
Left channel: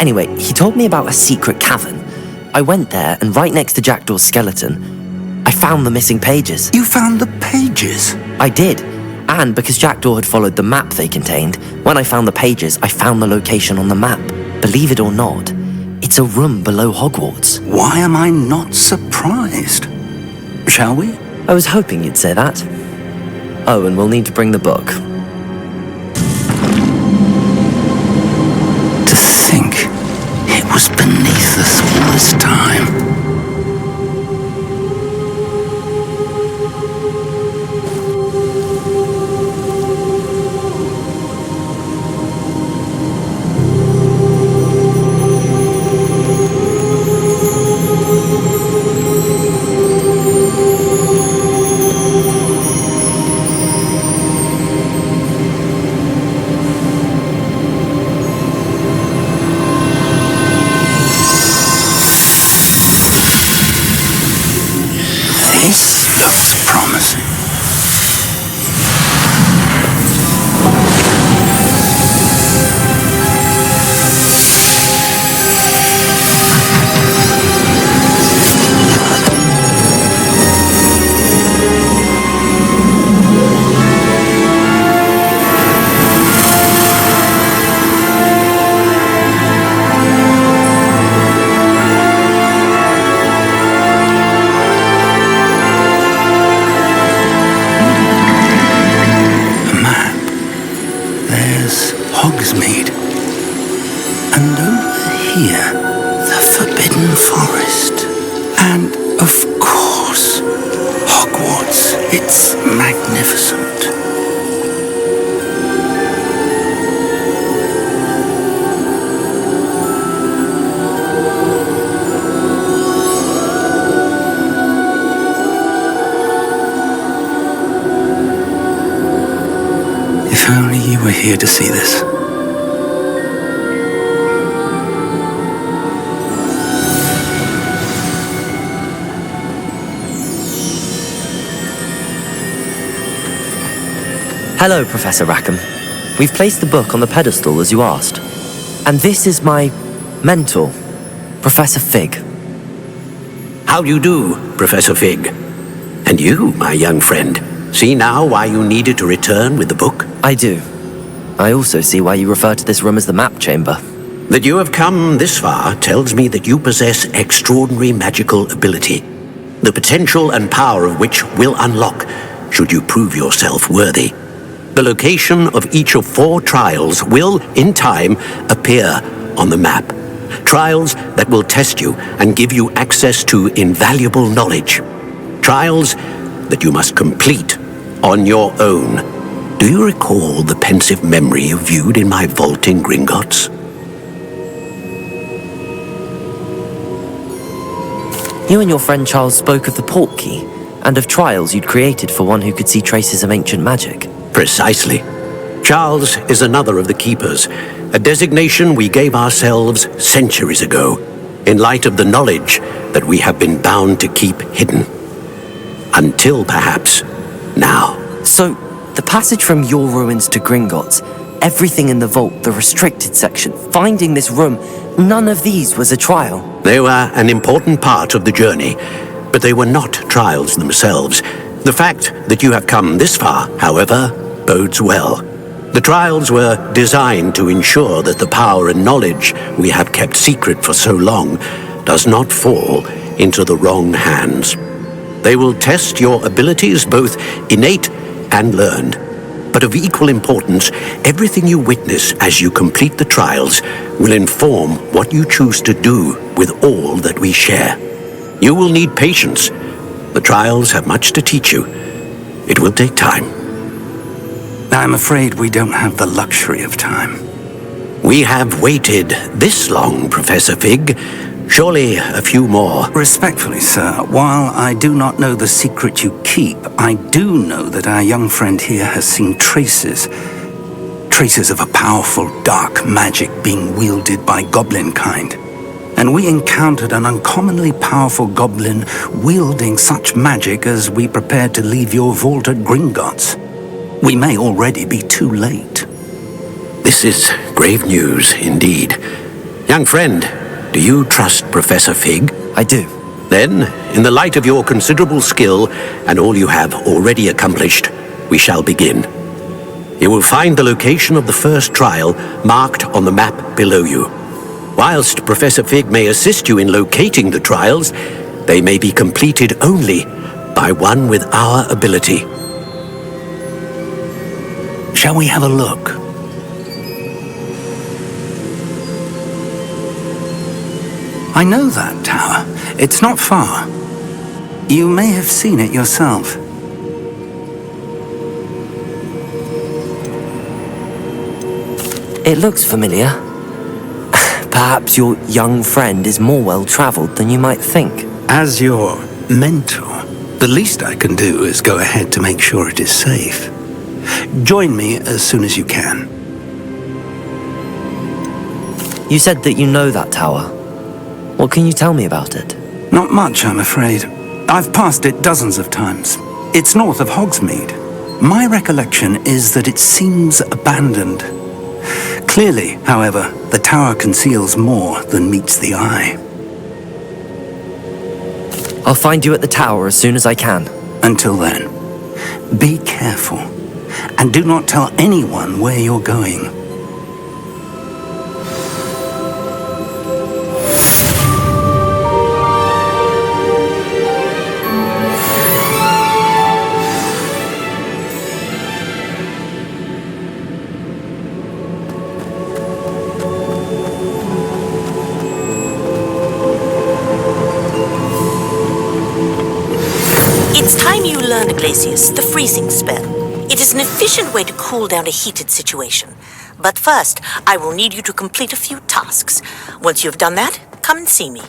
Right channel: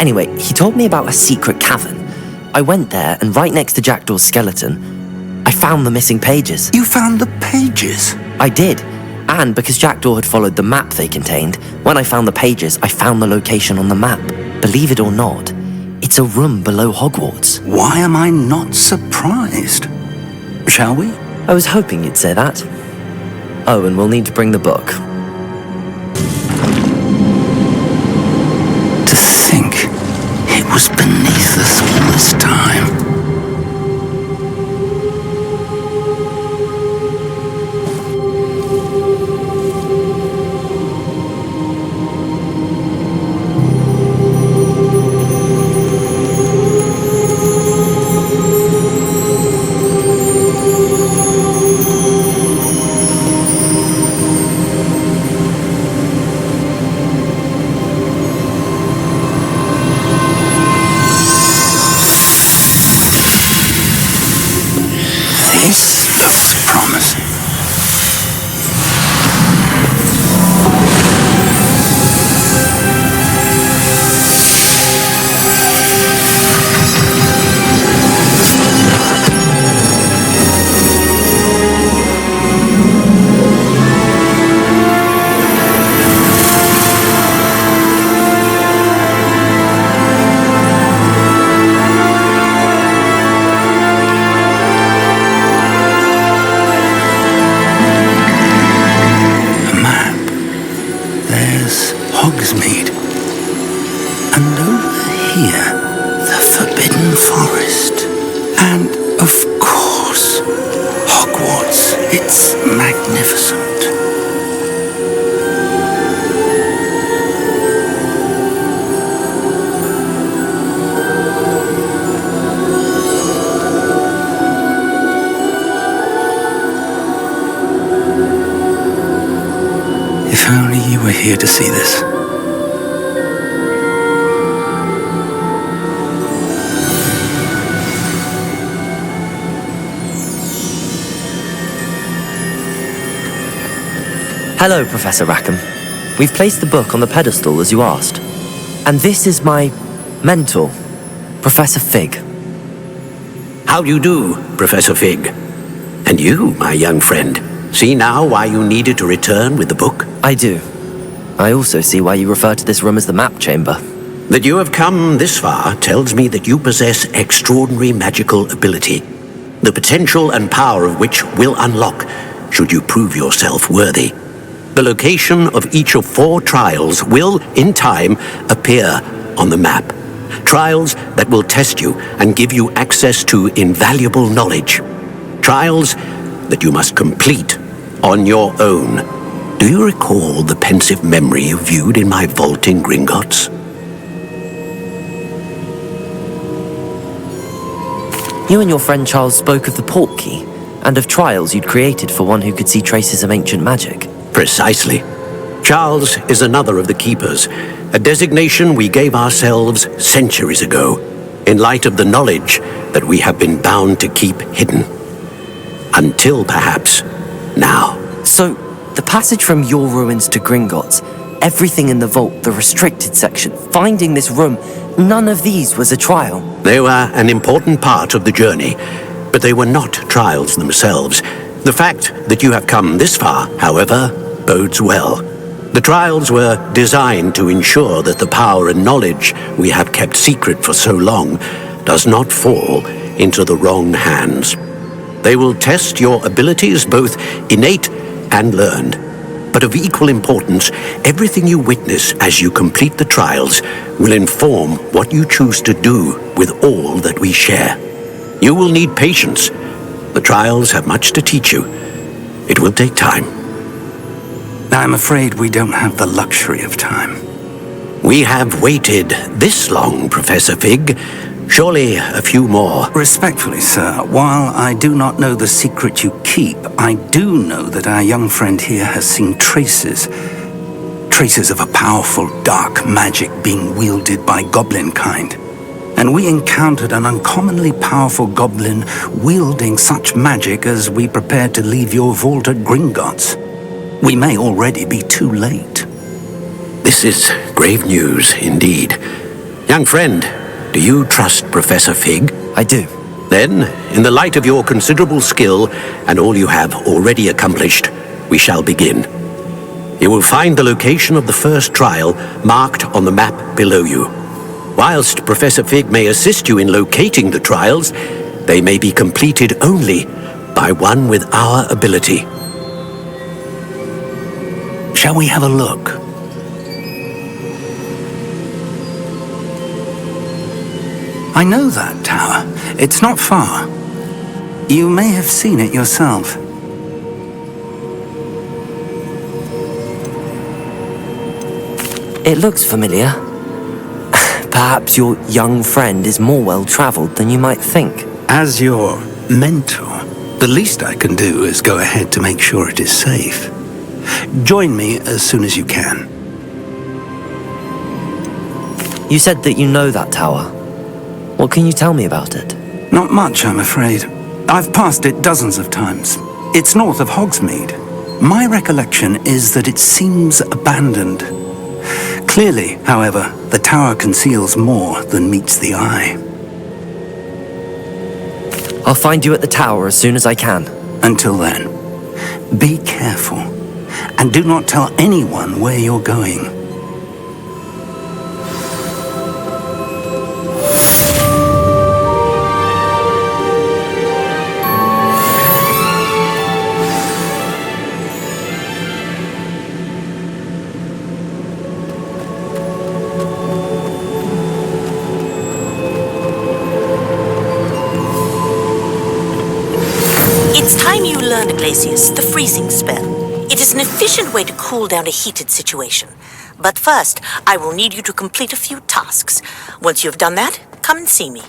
Anyway, he told me about a secret cavern. I went there, and right next to Jackdaw's skeleton, I found the missing pages. You found the pages? I did. And because Jackdaw had followed the map they contained, when I found the pages, I found the location on the map. Believe it or not, it's a room below Hogwarts. Why am I not surprised? Shall we? I was hoping you'd say that. Oh, and we'll need to bring the book. To think it was beneath us all this time. This looks promising. Map. There's Hogsmeade. And over here, the Forbidden Forest. And, of course, Hogwarts. It's magnificent. If only you were here to see this. Hello, Professor Rackham. We've placed the book on the pedestal as you asked. And this is my mentor, Professor Fig. How do you do, Professor Fig? And you, my young friend, see now why you needed to return with the book? I do. I also see why you refer to this room as the map chamber. That you have come this far tells me that you possess extraordinary magical ability, the potential and power of which will unlock should you prove yourself worthy. The location of each of 4 trials will, in time, appear on the map. Trials that will test you and give you access to invaluable knowledge. Trials that you must complete on your own. Do you recall the pensive memory you viewed in my vault in Gringotts? You and your friend Charles spoke of the port key, and of trials you'd created for one who could see traces of ancient magic. Precisely. Charles is another of the keepers, a designation we gave ourselves centuries ago, in light of the knowledge that we have been bound to keep hidden. Until perhaps now. So, the passage from your ruins to Gringotts, everything in the vault, the restricted section, finding this room, none of these was a trial. They were an important part of the journey, but they were not trials themselves. The fact that you have come this far, however, bodes well. The trials were designed to ensure that the power and knowledge we have kept secret for so long does not fall into the wrong hands. They will test your abilities, both innate and learned. But of equal importance, everything you witness as you complete the trials will inform what you choose to do with all that we share. You will need patience. The trials have much to teach you. It will take time. I'm afraid we don't have the luxury of time. We have waited this long, Professor Fig. Surely a few more. Respectfully, sir, while I do not know the secret you keep, I do know that our young friend here has seen traces of a powerful dark magic being wielded by goblin kind. And we encountered an uncommonly powerful goblin wielding such magic as we prepared to leave your vault at Gringotts. We may already be too late. This is grave news indeed. Young friend, do you trust Professor Fig? I do. Then, in the light of your considerable skill and all you have already accomplished, we shall begin. You will find the location of the first trial marked on the map below you. Whilst Professor Fig may assist you in locating the trials, they may be completed only by one with our ability. Shall we have a look? I know that tower. It's not far. You may have seen it yourself. It looks familiar. Perhaps your young friend is more well-traveled than you might think. As your mentor, the least I can do is go ahead to make sure it is safe. Join me as soon as you can. You said that you know that tower. What can you tell me about it? Not much, I'm afraid. I've passed it dozens of times. It's north of Hogsmeade. My recollection is that it seems abandoned. Clearly, however, the tower conceals more than meets the eye. I'll find you at the tower as soon as I can. Until then, be careful, and do not tell anyone where you're going. It's time you learned, Glacius, the freezing spell. It is an efficient way to cool down a heated situation. But first, I will need you to complete a few tasks. Once you have done that, come and see me.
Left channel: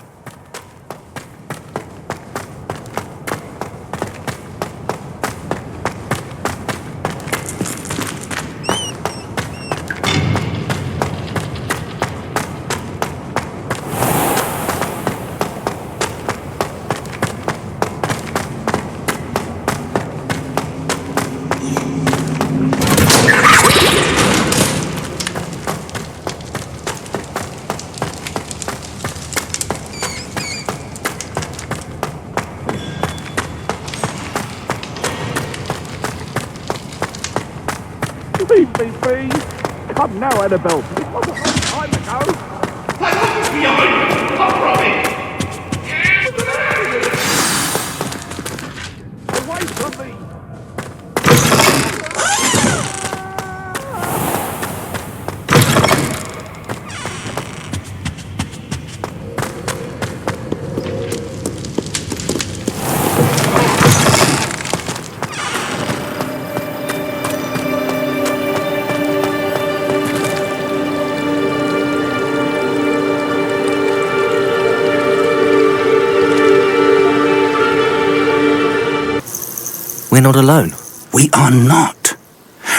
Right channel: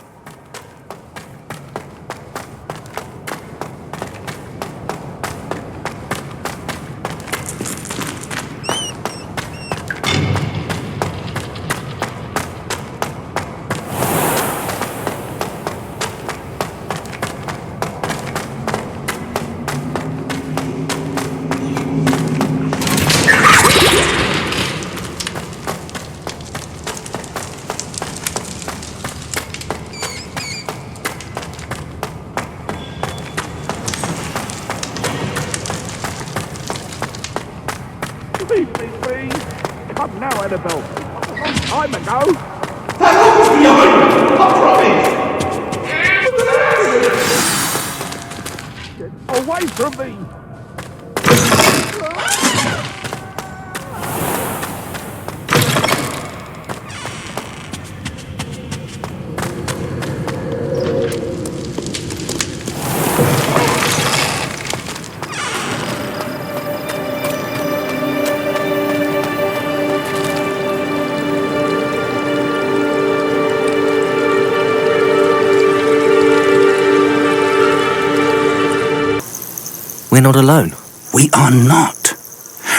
We're not alone. We are not.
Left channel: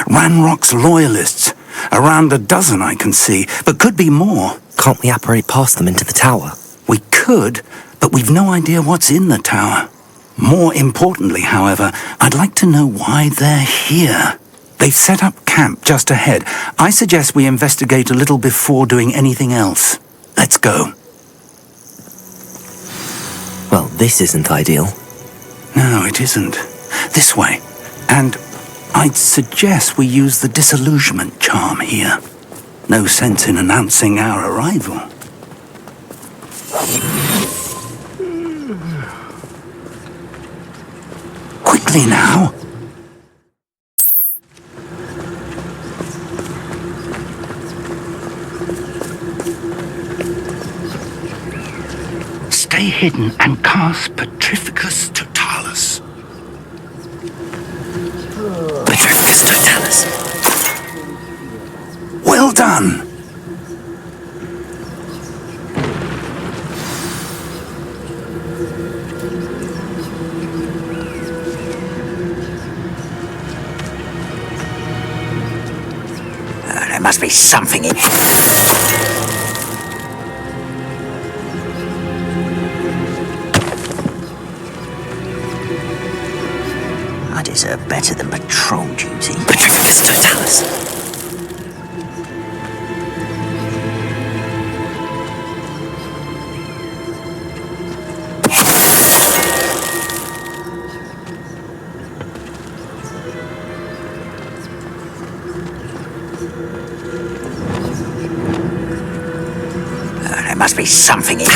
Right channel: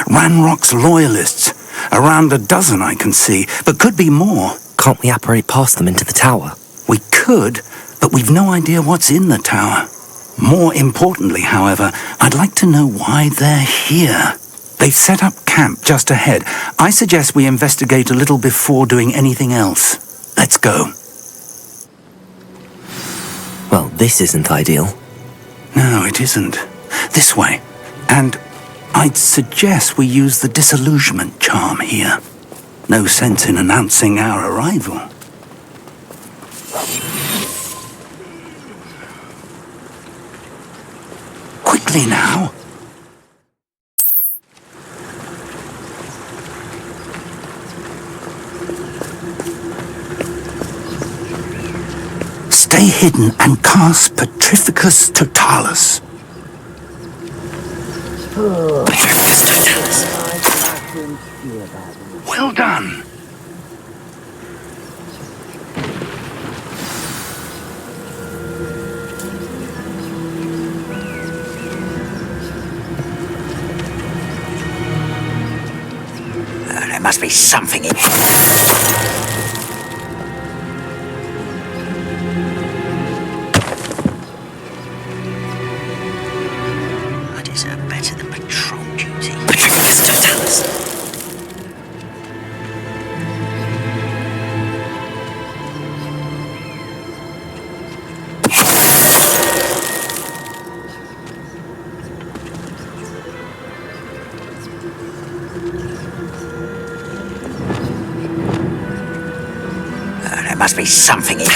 Ranrock's loyalists. Around a dozen I can see, but could be more. Can't we apparate past them into the tower? We could, but we've no idea what's in the tower. More importantly, however, I'd like to know why they're here. They've set up camp just ahead. I suggest we investigate a little before doing anything else. Let's go. Well, this isn't ideal. No, it isn't. This way. And I'd suggest we use the disillusionment charm here. No sense in announcing our arrival. Quickly now. Stay hidden and cast Petrificus Totalis. Petrificus Totalis. Well done. There must be something in I deserve better than patrol duty. Petrificus Totalis. There must be something in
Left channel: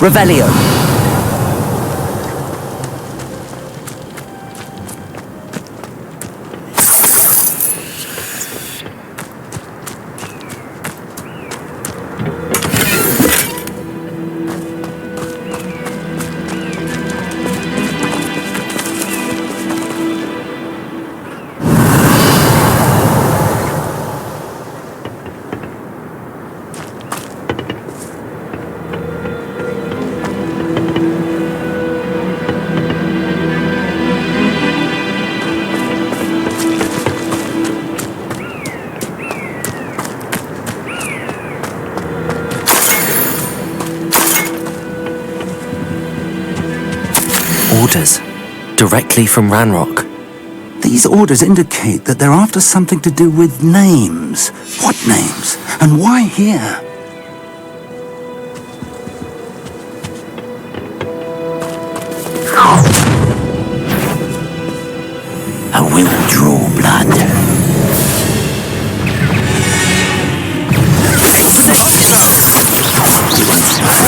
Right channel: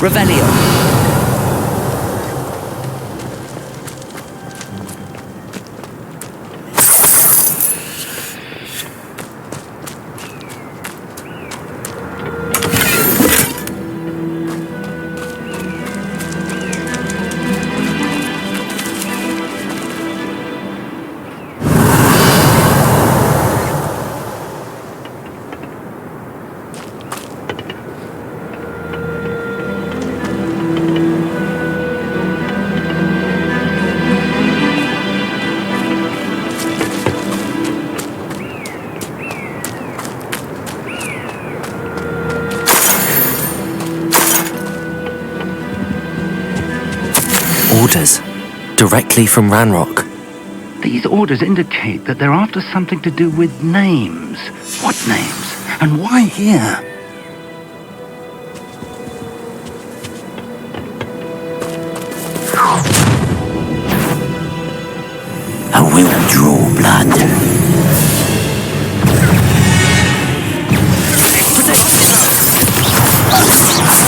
Revelio. Orders. Directly from Ranrock. These orders indicate that they're after something to do with names. What names? And why here? Draw blood.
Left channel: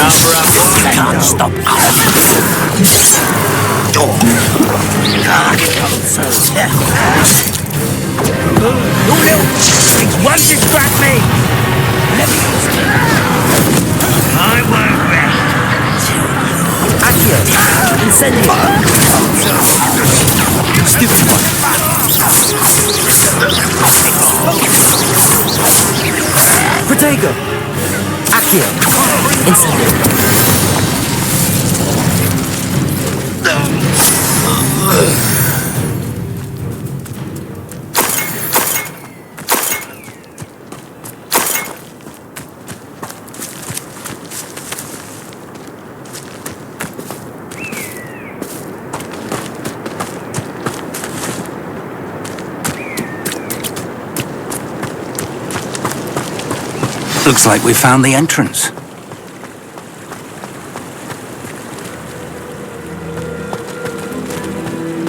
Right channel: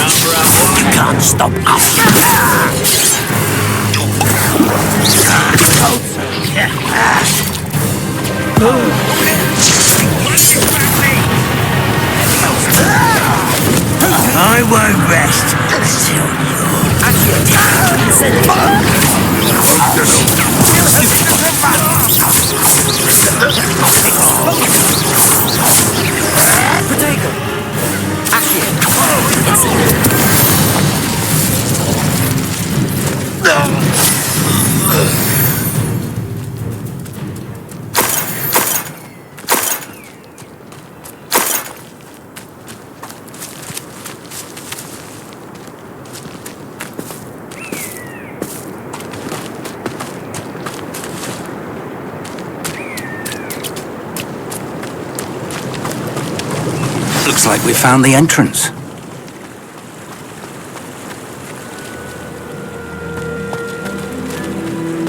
Number up one. You can't stop us. One distract me! Accio! Incendio! Stupid one! Protego! Accio! Incendio! Looks like we found the entrance.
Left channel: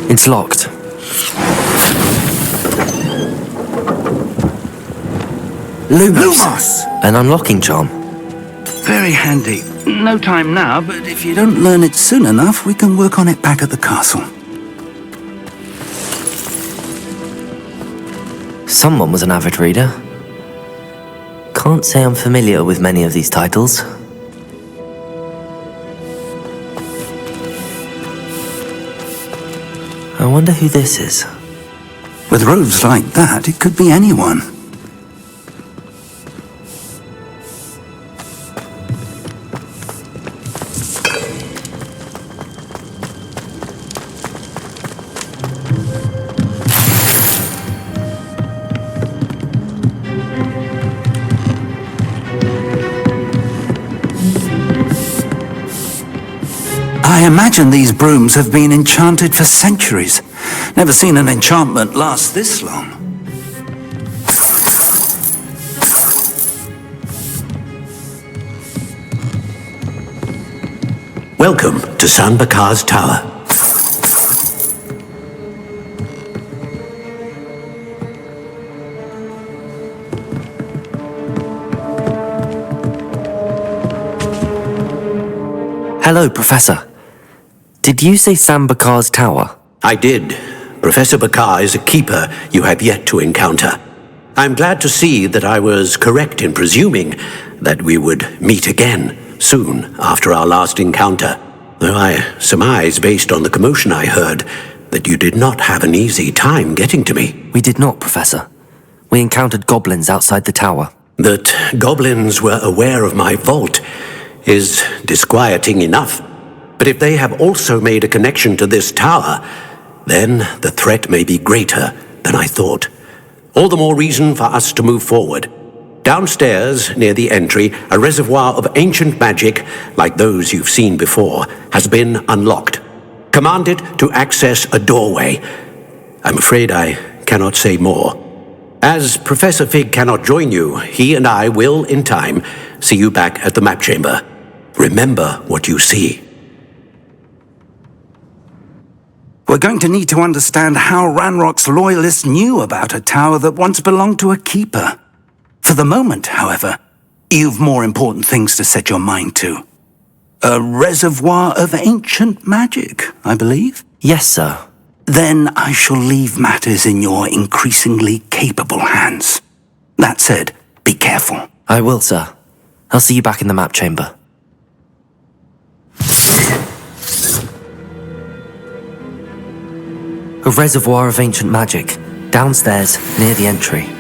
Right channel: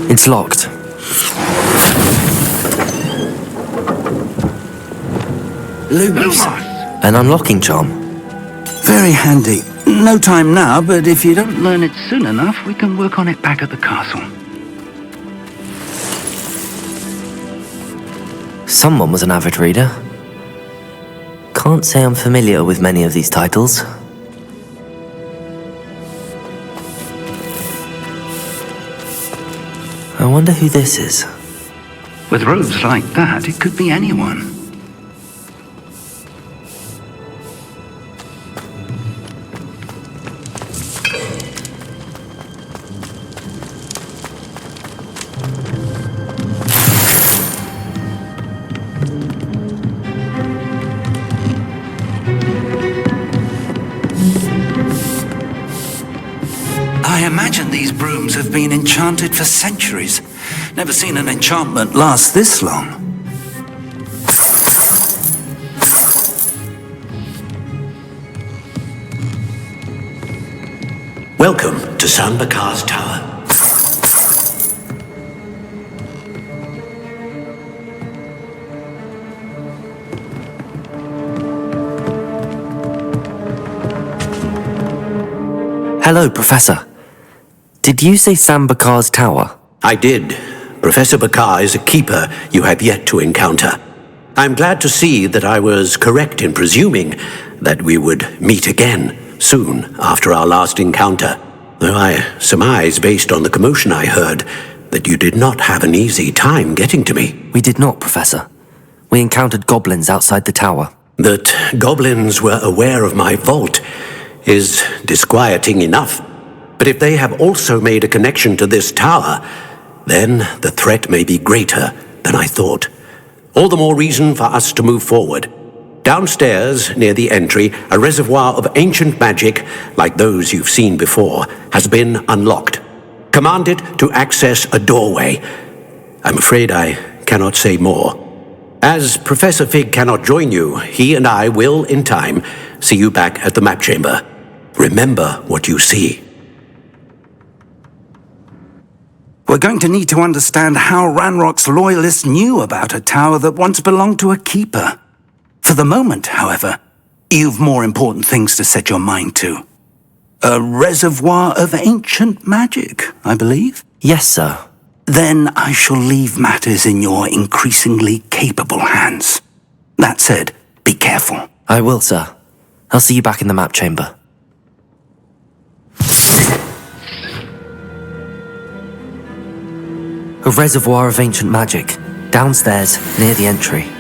It's locked. Lumos. An unlocking charm. Very handy. No time now, but if you don't learn it soon enough, we can work on it back at the castle. Someone was an avid reader. Can't say I'm familiar with many of these titles. I wonder who this is. With robes like that, it could be anyone. I imagine these brooms have been enchanted for centuries. Never seen an enchantment last this long. Welcome to San Bakar's Tower. Hello, Professor. Did you say Sam Bakar's tower? I did. Professor Bakar is a keeper you have yet to encounter. I'm glad to see that I was correct in presuming that we would meet again soon after our last encounter, though I surmise, based on the commotion I heard, that you did not have an easy time getting to me. We did not, Professor. We encountered goblins outside the tower. That goblins were aware of my vault is disquieting enough. But if they have also made a connection to this tower, then the threat may be greater than I thought. All the more reason for us to move forward. Downstairs, near the entry, a reservoir of ancient magic, like those you've seen before, has been unlocked. Commanded to access a doorway. I'm afraid I cannot say more. As Professor Fig cannot join you, he and I will, in time, see you back at the map chamber. Remember what you see. We're going to need to understand how Ranrock's loyalists knew about a tower that once belonged to a keeper. For the moment, however, you've more important things to set your mind to. A reservoir of ancient magic, I believe? Yes, sir. Then I shall leave matters in your increasingly capable hands. That said, be careful. I will, sir. I'll see you back in the map chamber. A reservoir of ancient magic, downstairs, near the entry.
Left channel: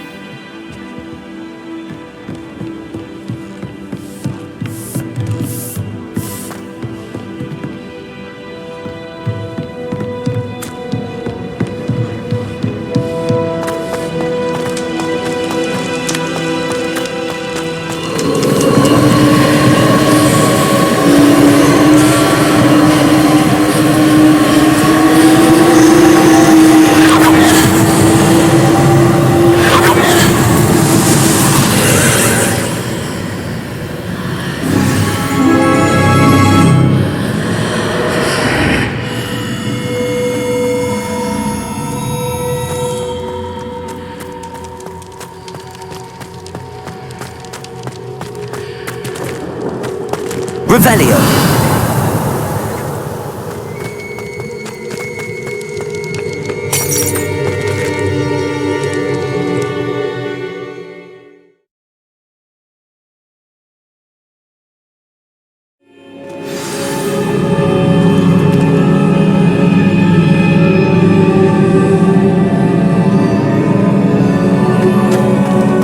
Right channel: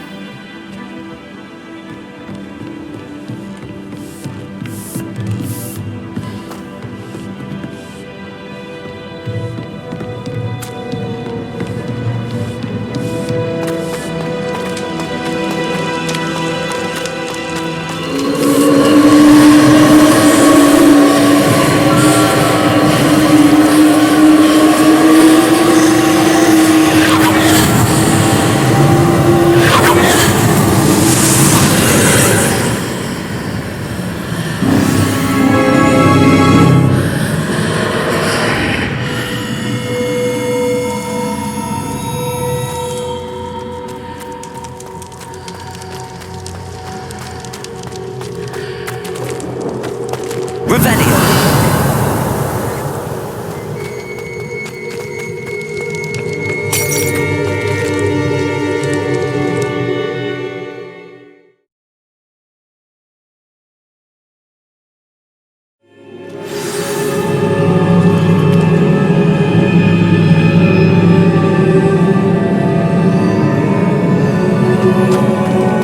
Revelio!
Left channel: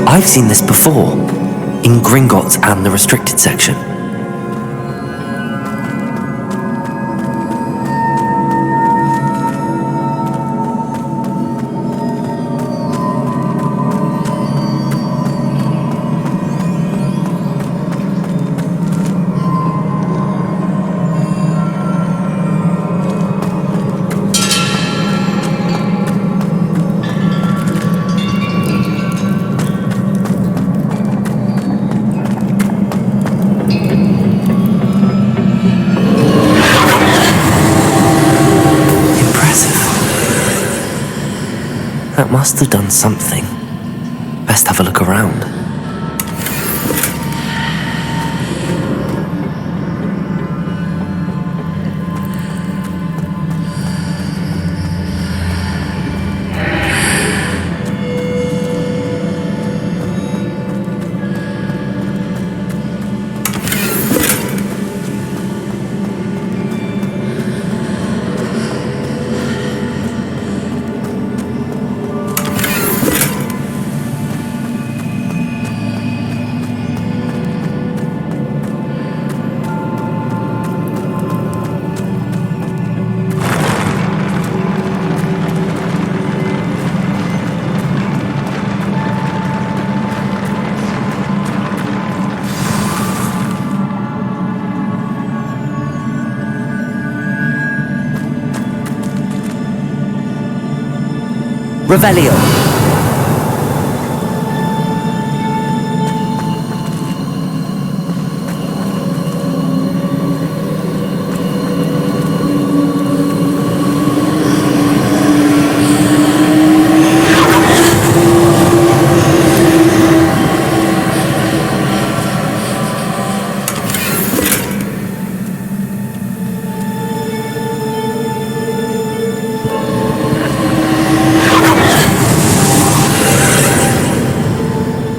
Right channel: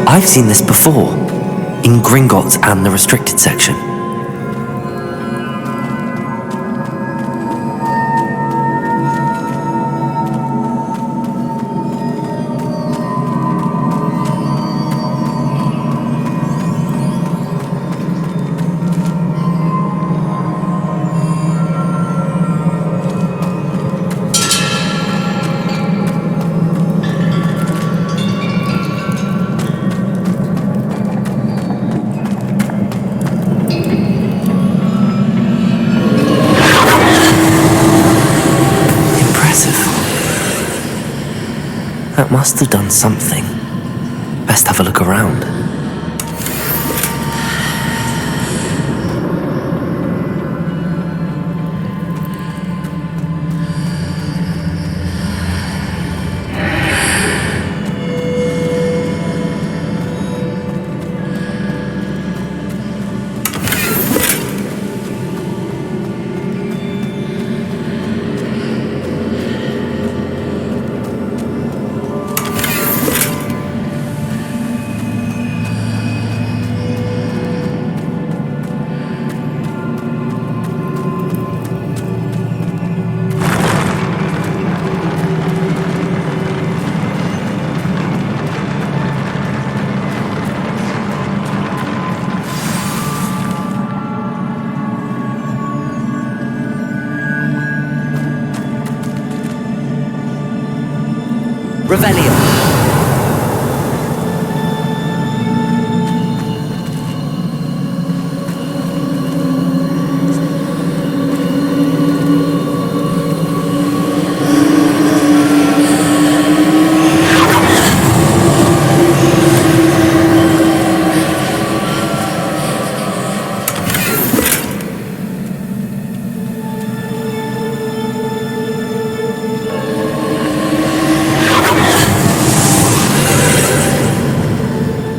I've seen this before, in Gringotts and the restricted section. That must have done something. Best have a look around. Revelio!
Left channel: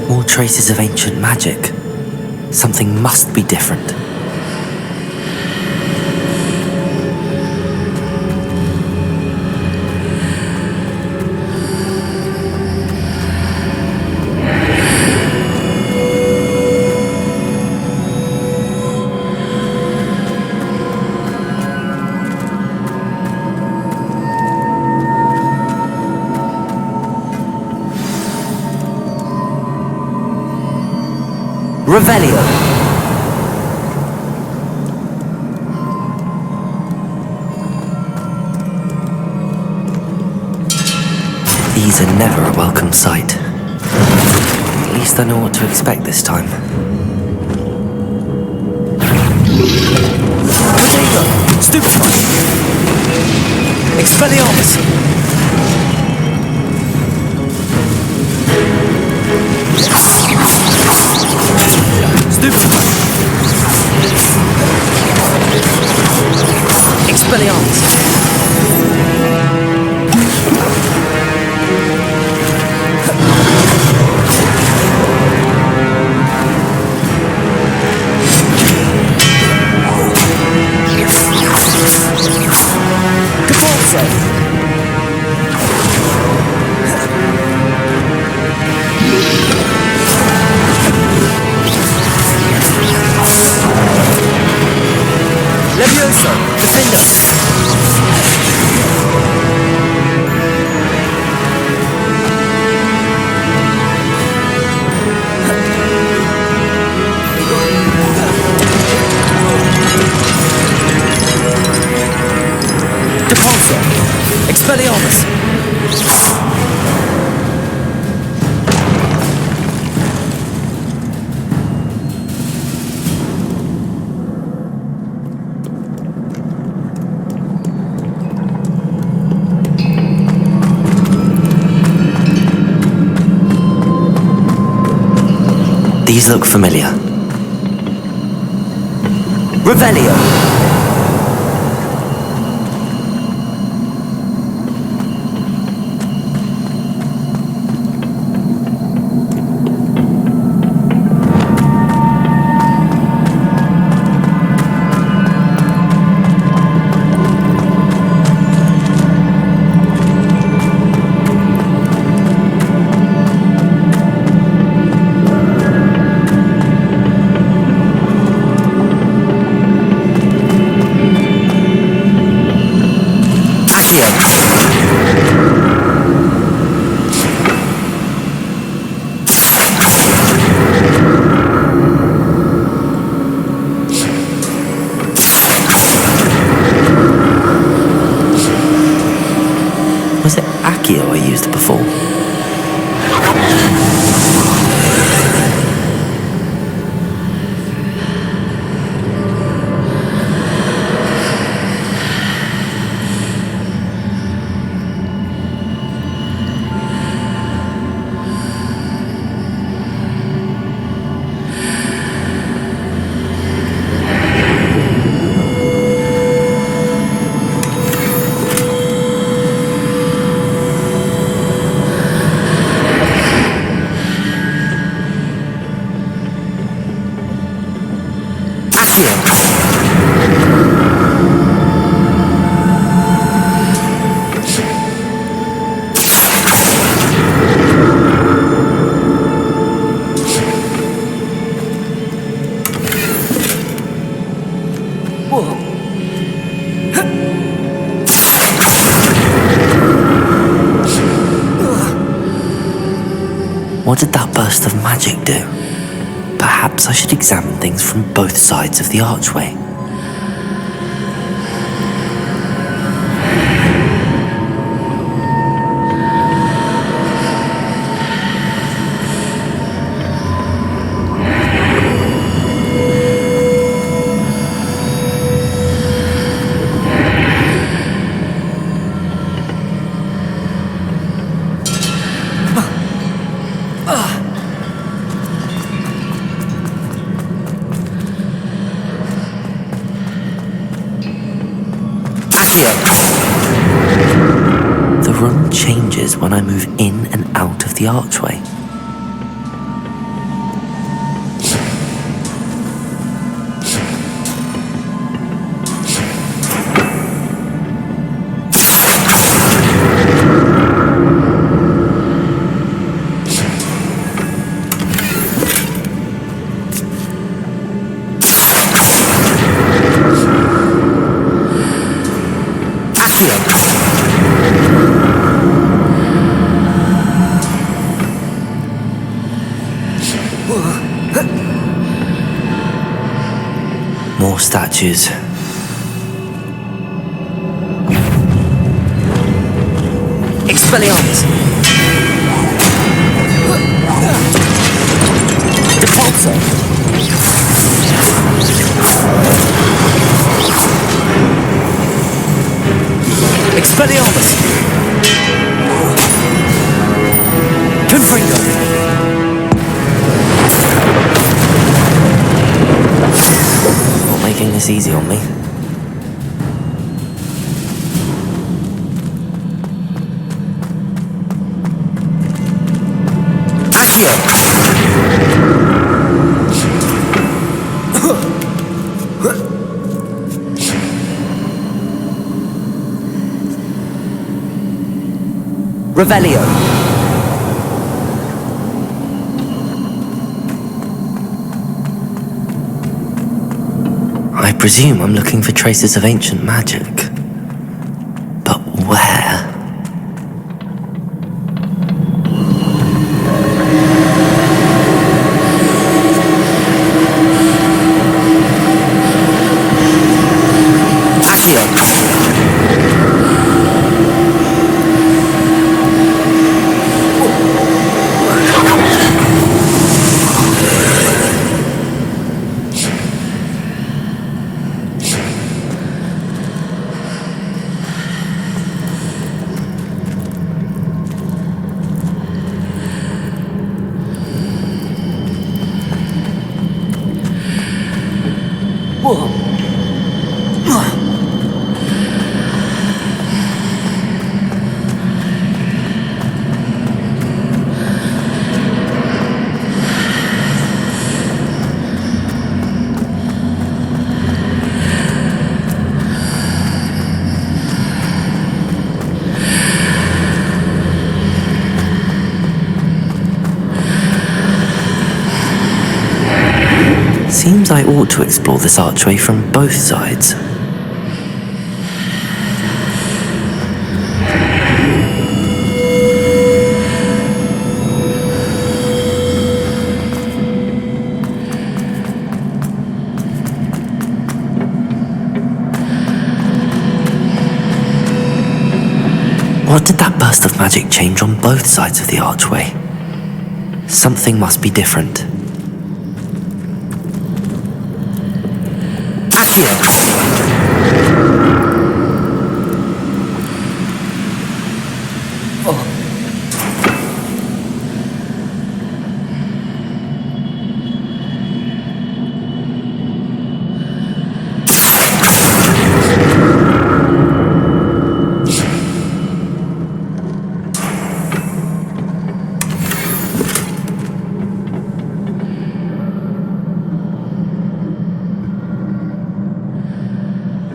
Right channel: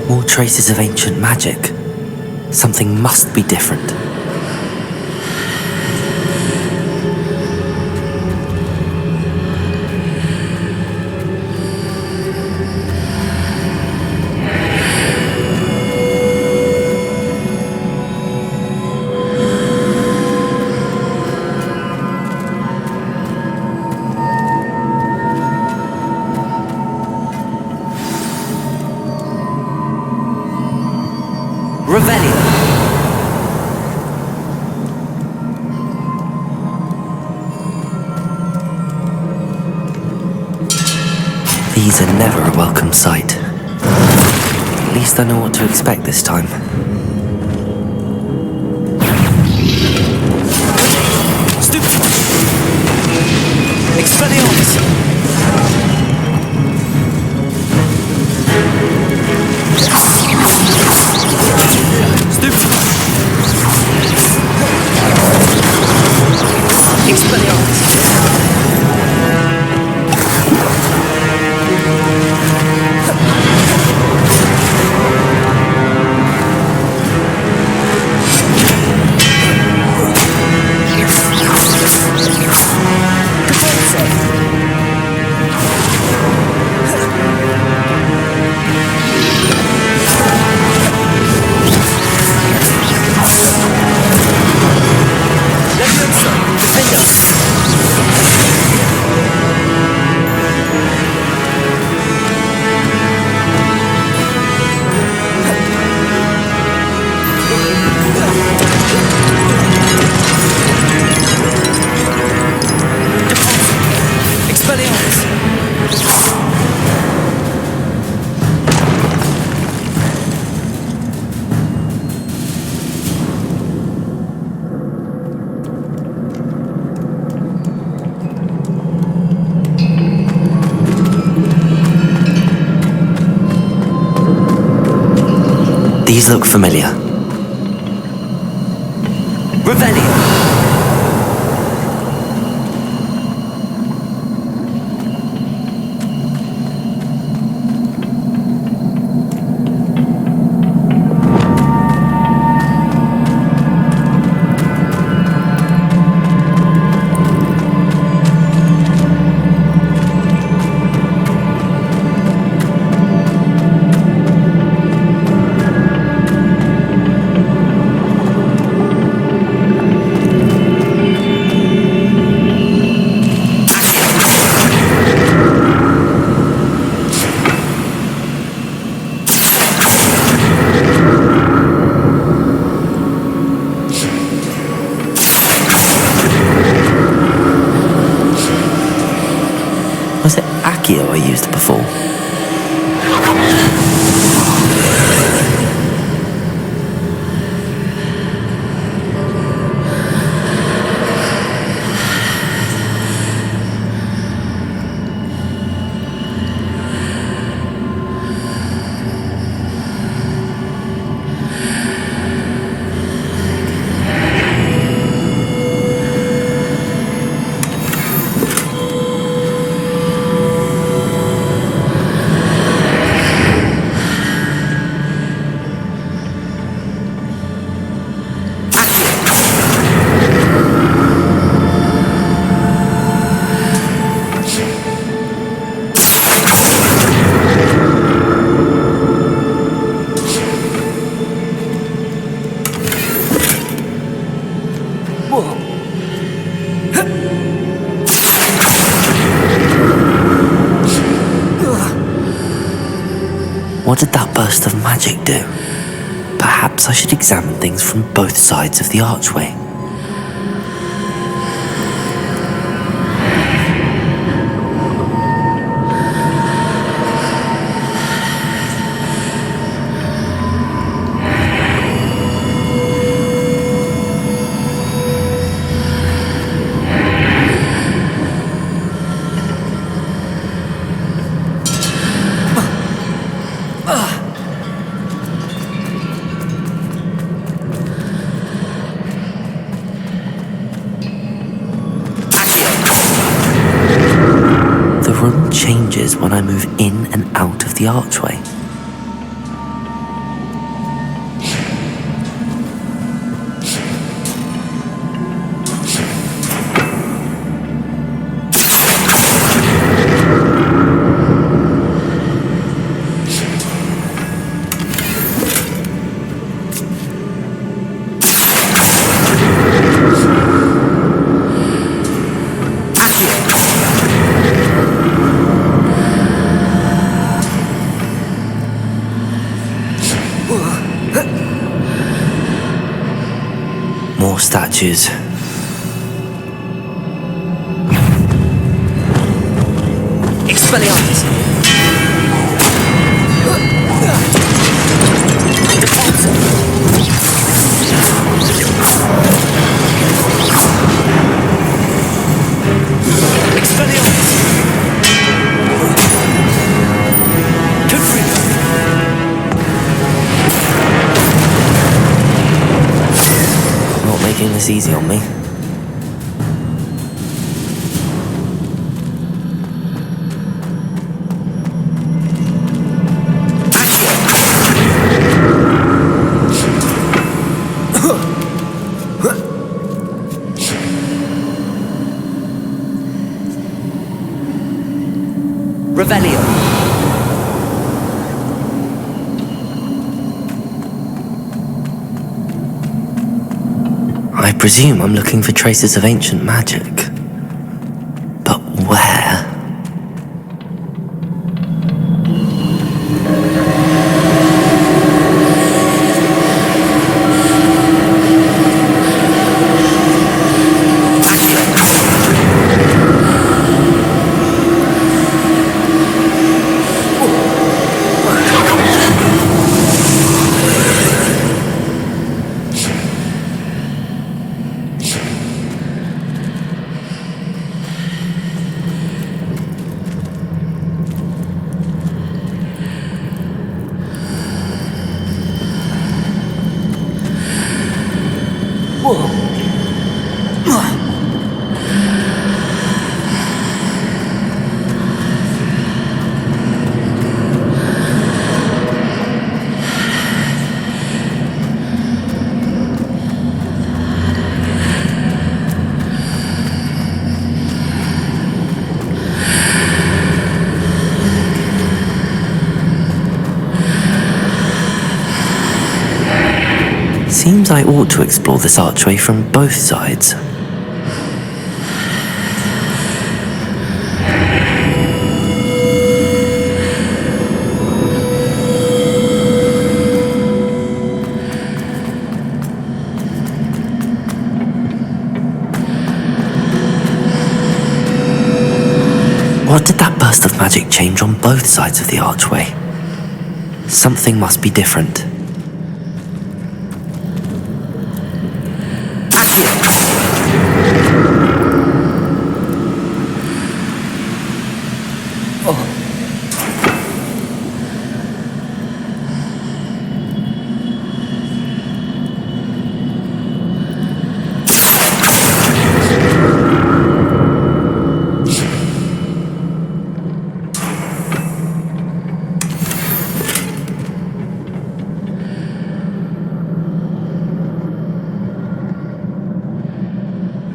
More traces of ancient magic. Something must be different. Revelio! These are never a welcome sight. At least I know what to expect this time. Potato! Stupefy! Expelliarmus! Stupefy! Expelliarmus! Capolso! Levioso! Defender! Depulso! Expelliarmus! These look familiar. Revelio! Was it Accio I used before? What did that burst of magic do? Perhaps I should examine things from both sides of the archway. The room changes when I move in and out of the archway. More statues. Expelliarmus! Repulsor! Expelliarmus! Confringo! Not making this easy on me. Accio! Revelio! I presume I'm looking for traces of ancient magic. But where? Whoa. seems I ought to explore this archway from both sides. What did that burst of magic change on both sides of the archway? Something must be different. Accio!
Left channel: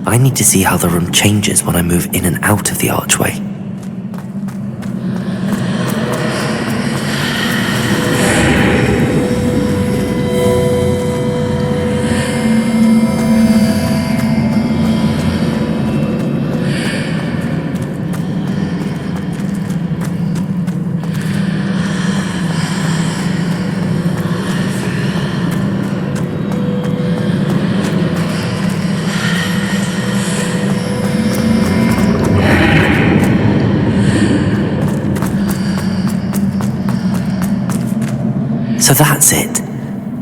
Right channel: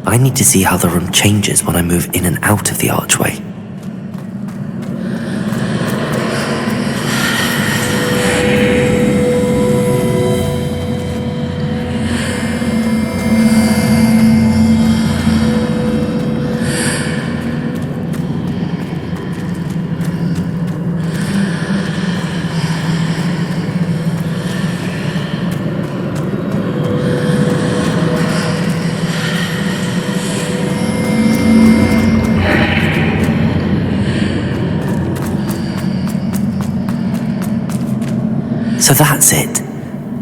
I need to see how the room changes when I move in and out of the archway. So that's it.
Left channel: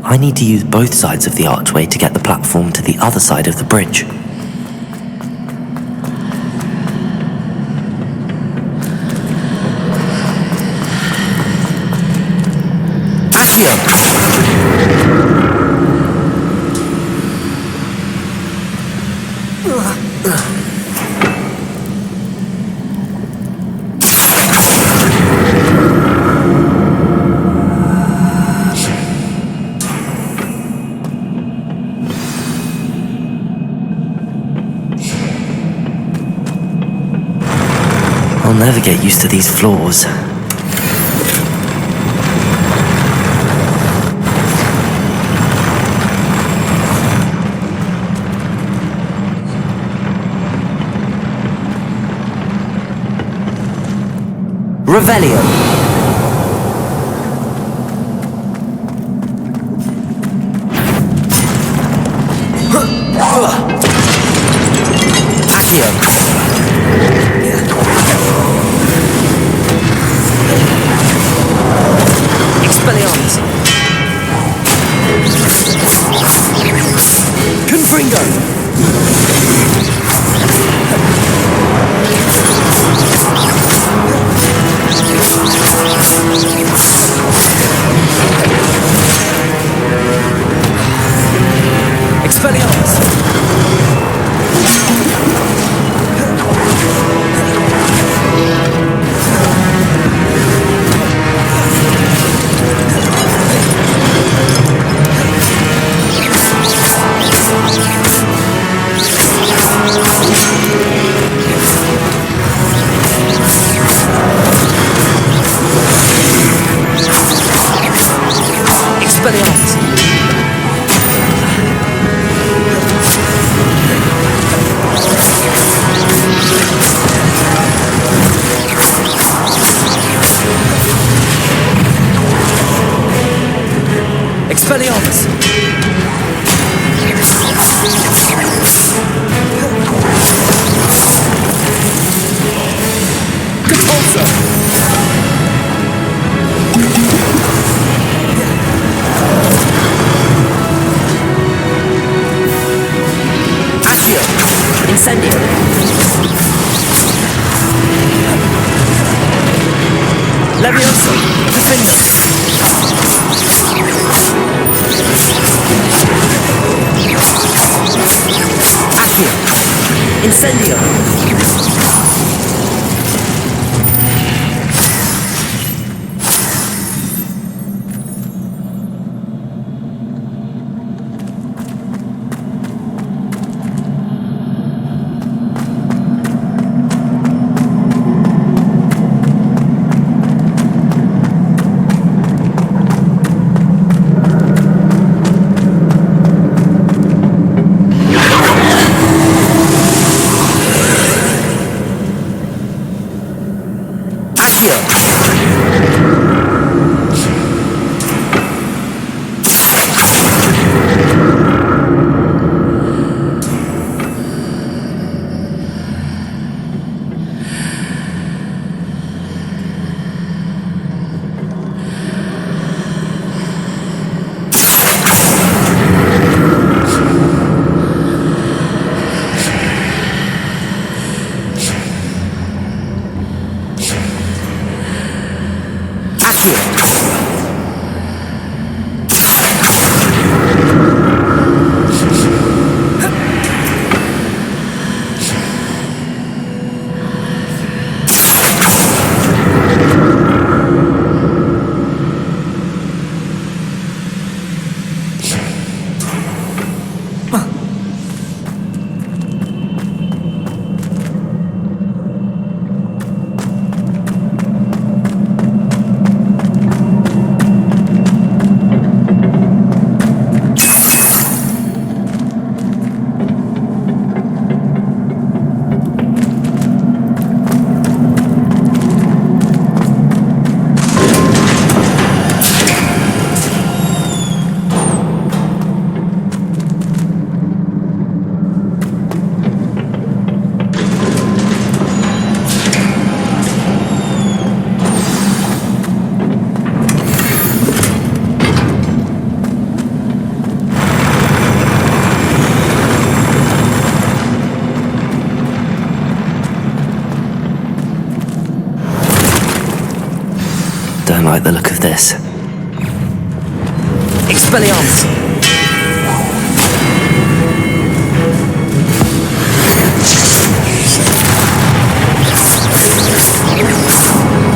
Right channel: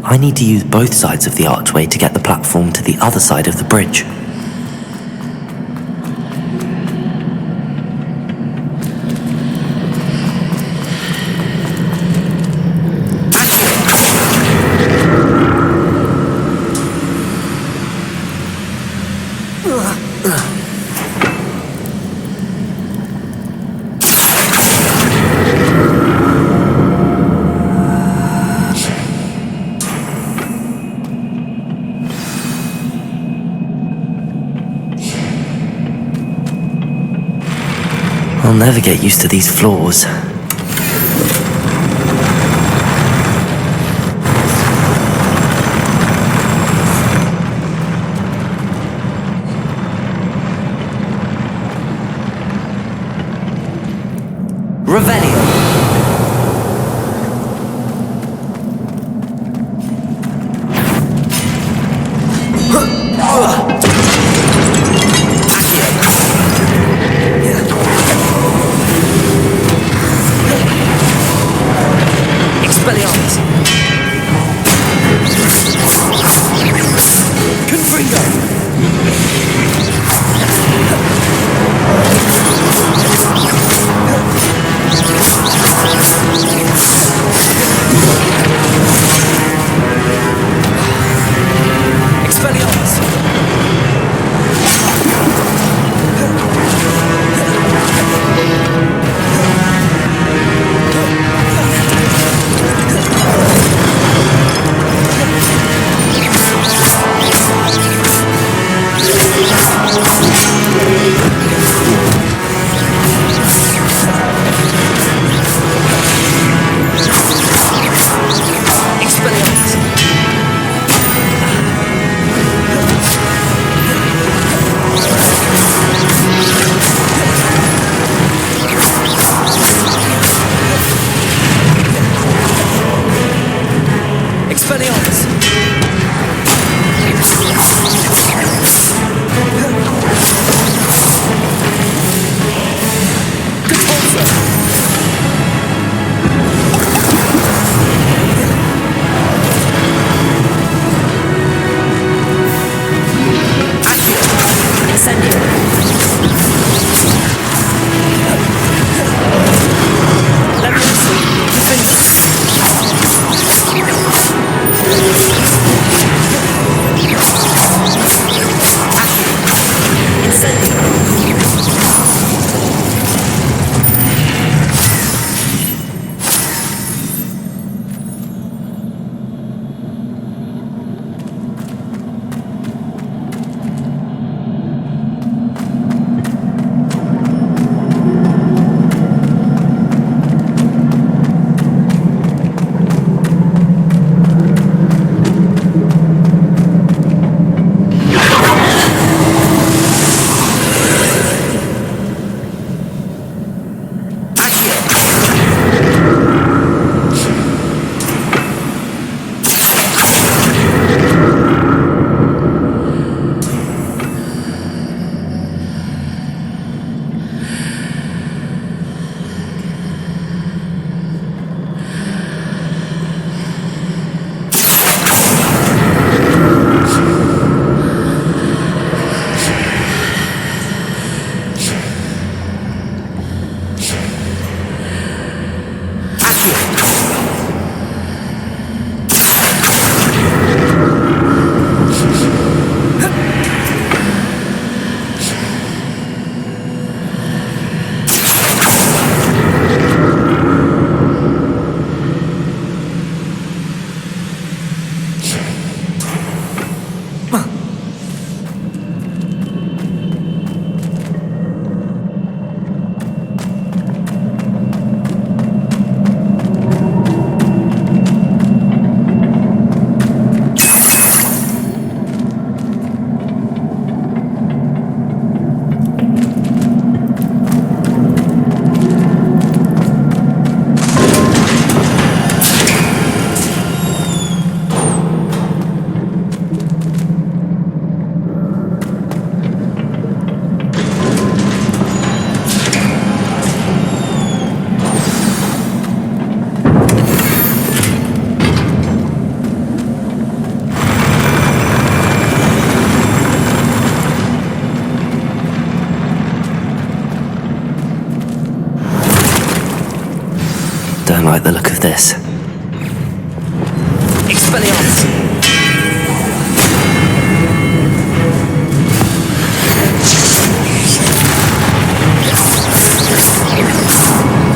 I need to use both sides of the archway to get the platform to the other side of the bridge. I'll never get used to these floors. Revelio. Expelliarmus. Confringo. Expelliarmus. Expelliarmus. Expelliarmus. Repulsor. Accio. Incendio. Levioso. Defendo. Accio. Incendio. Accio! Don't like the look of this. Expelliarmus!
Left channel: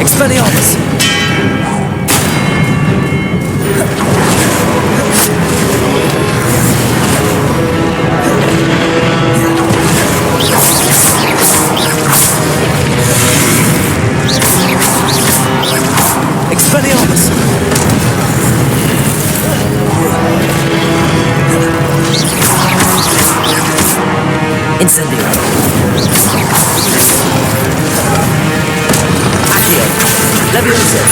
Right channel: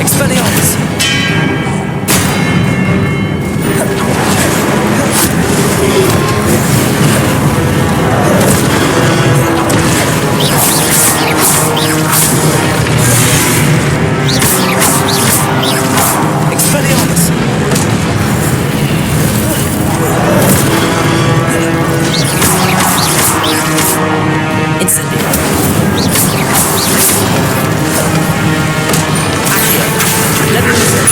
Expelliarmus! Expelliarmus! Incendio! Accio! Leviosa!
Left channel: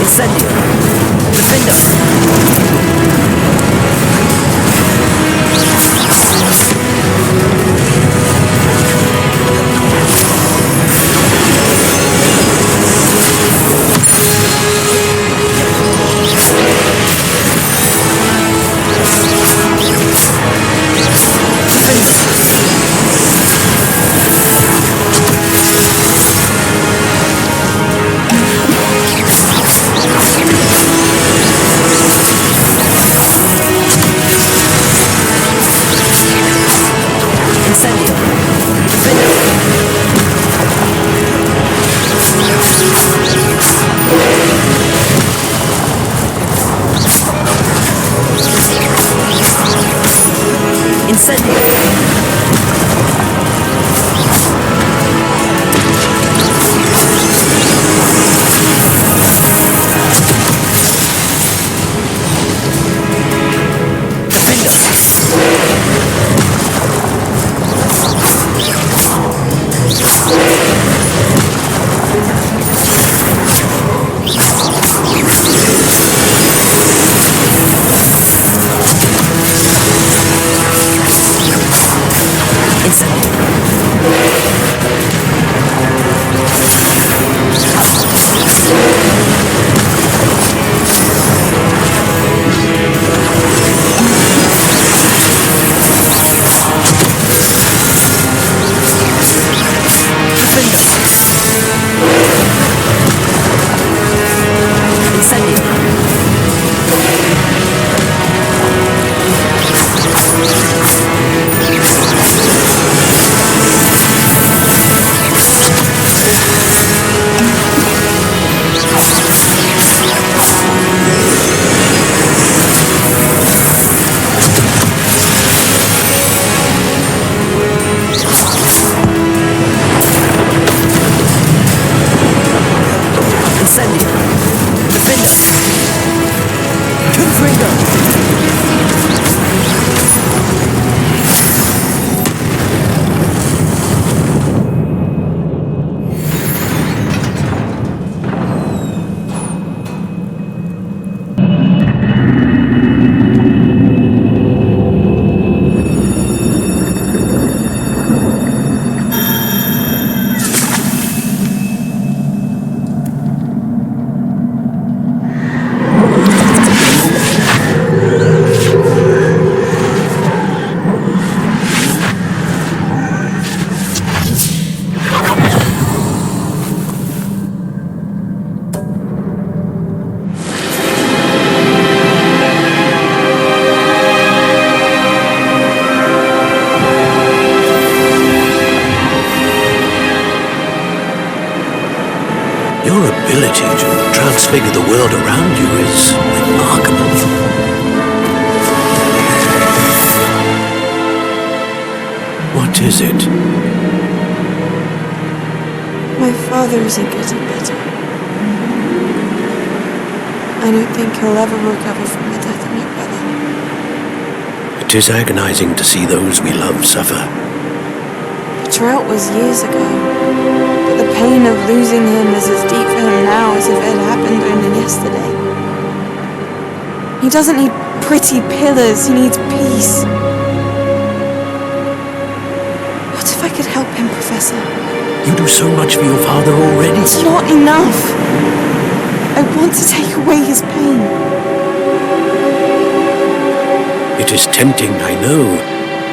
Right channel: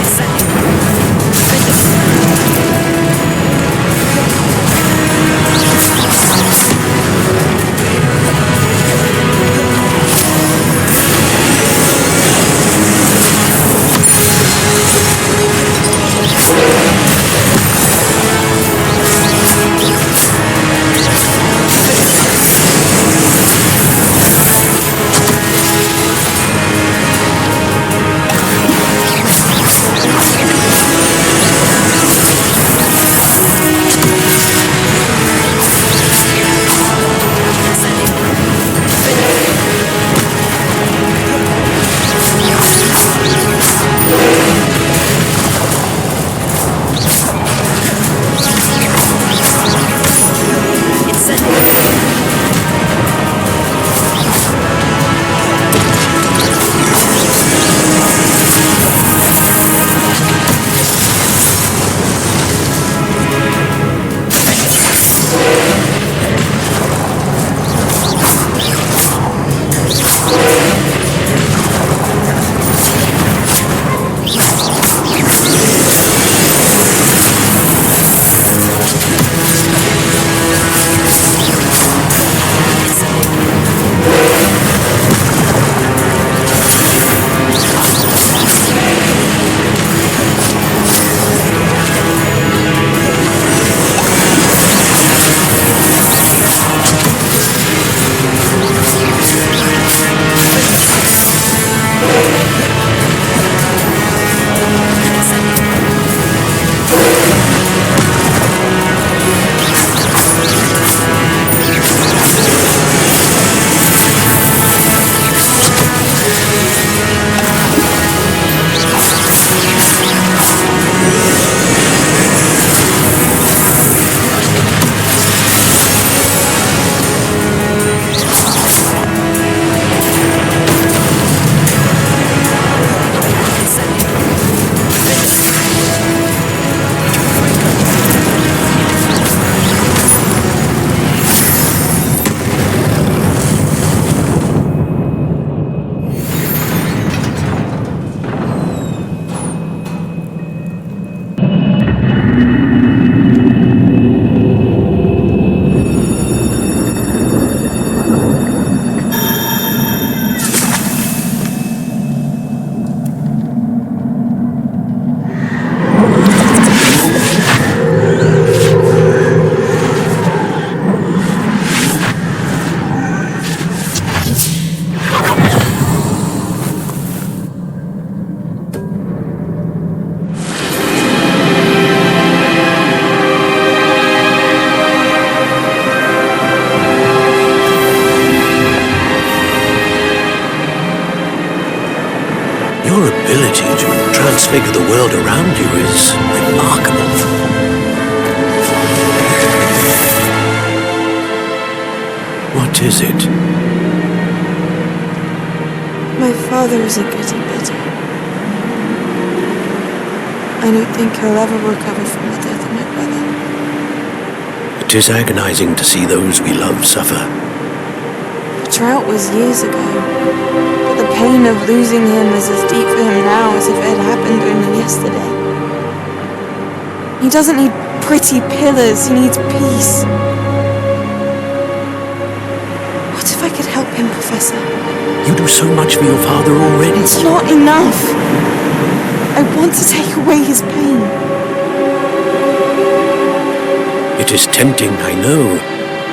Incendio! Defender! Incendio! Defender! Incendio! Your ability to transfigure the world around you is remarkable. What is it? My father isn't getting better. I don't think he'll ever recover from the death of my brother. It is agonizing to see those we love suffer. The drought was years ago, but the pain of losing him is as deep for him now as if it had happened only yesterday. He doesn't need pretty pillars, he needs peace. What if I could help him, Professor? You do so much for your father already. It's not enough. I want to take away his pain. It is tempting, I know,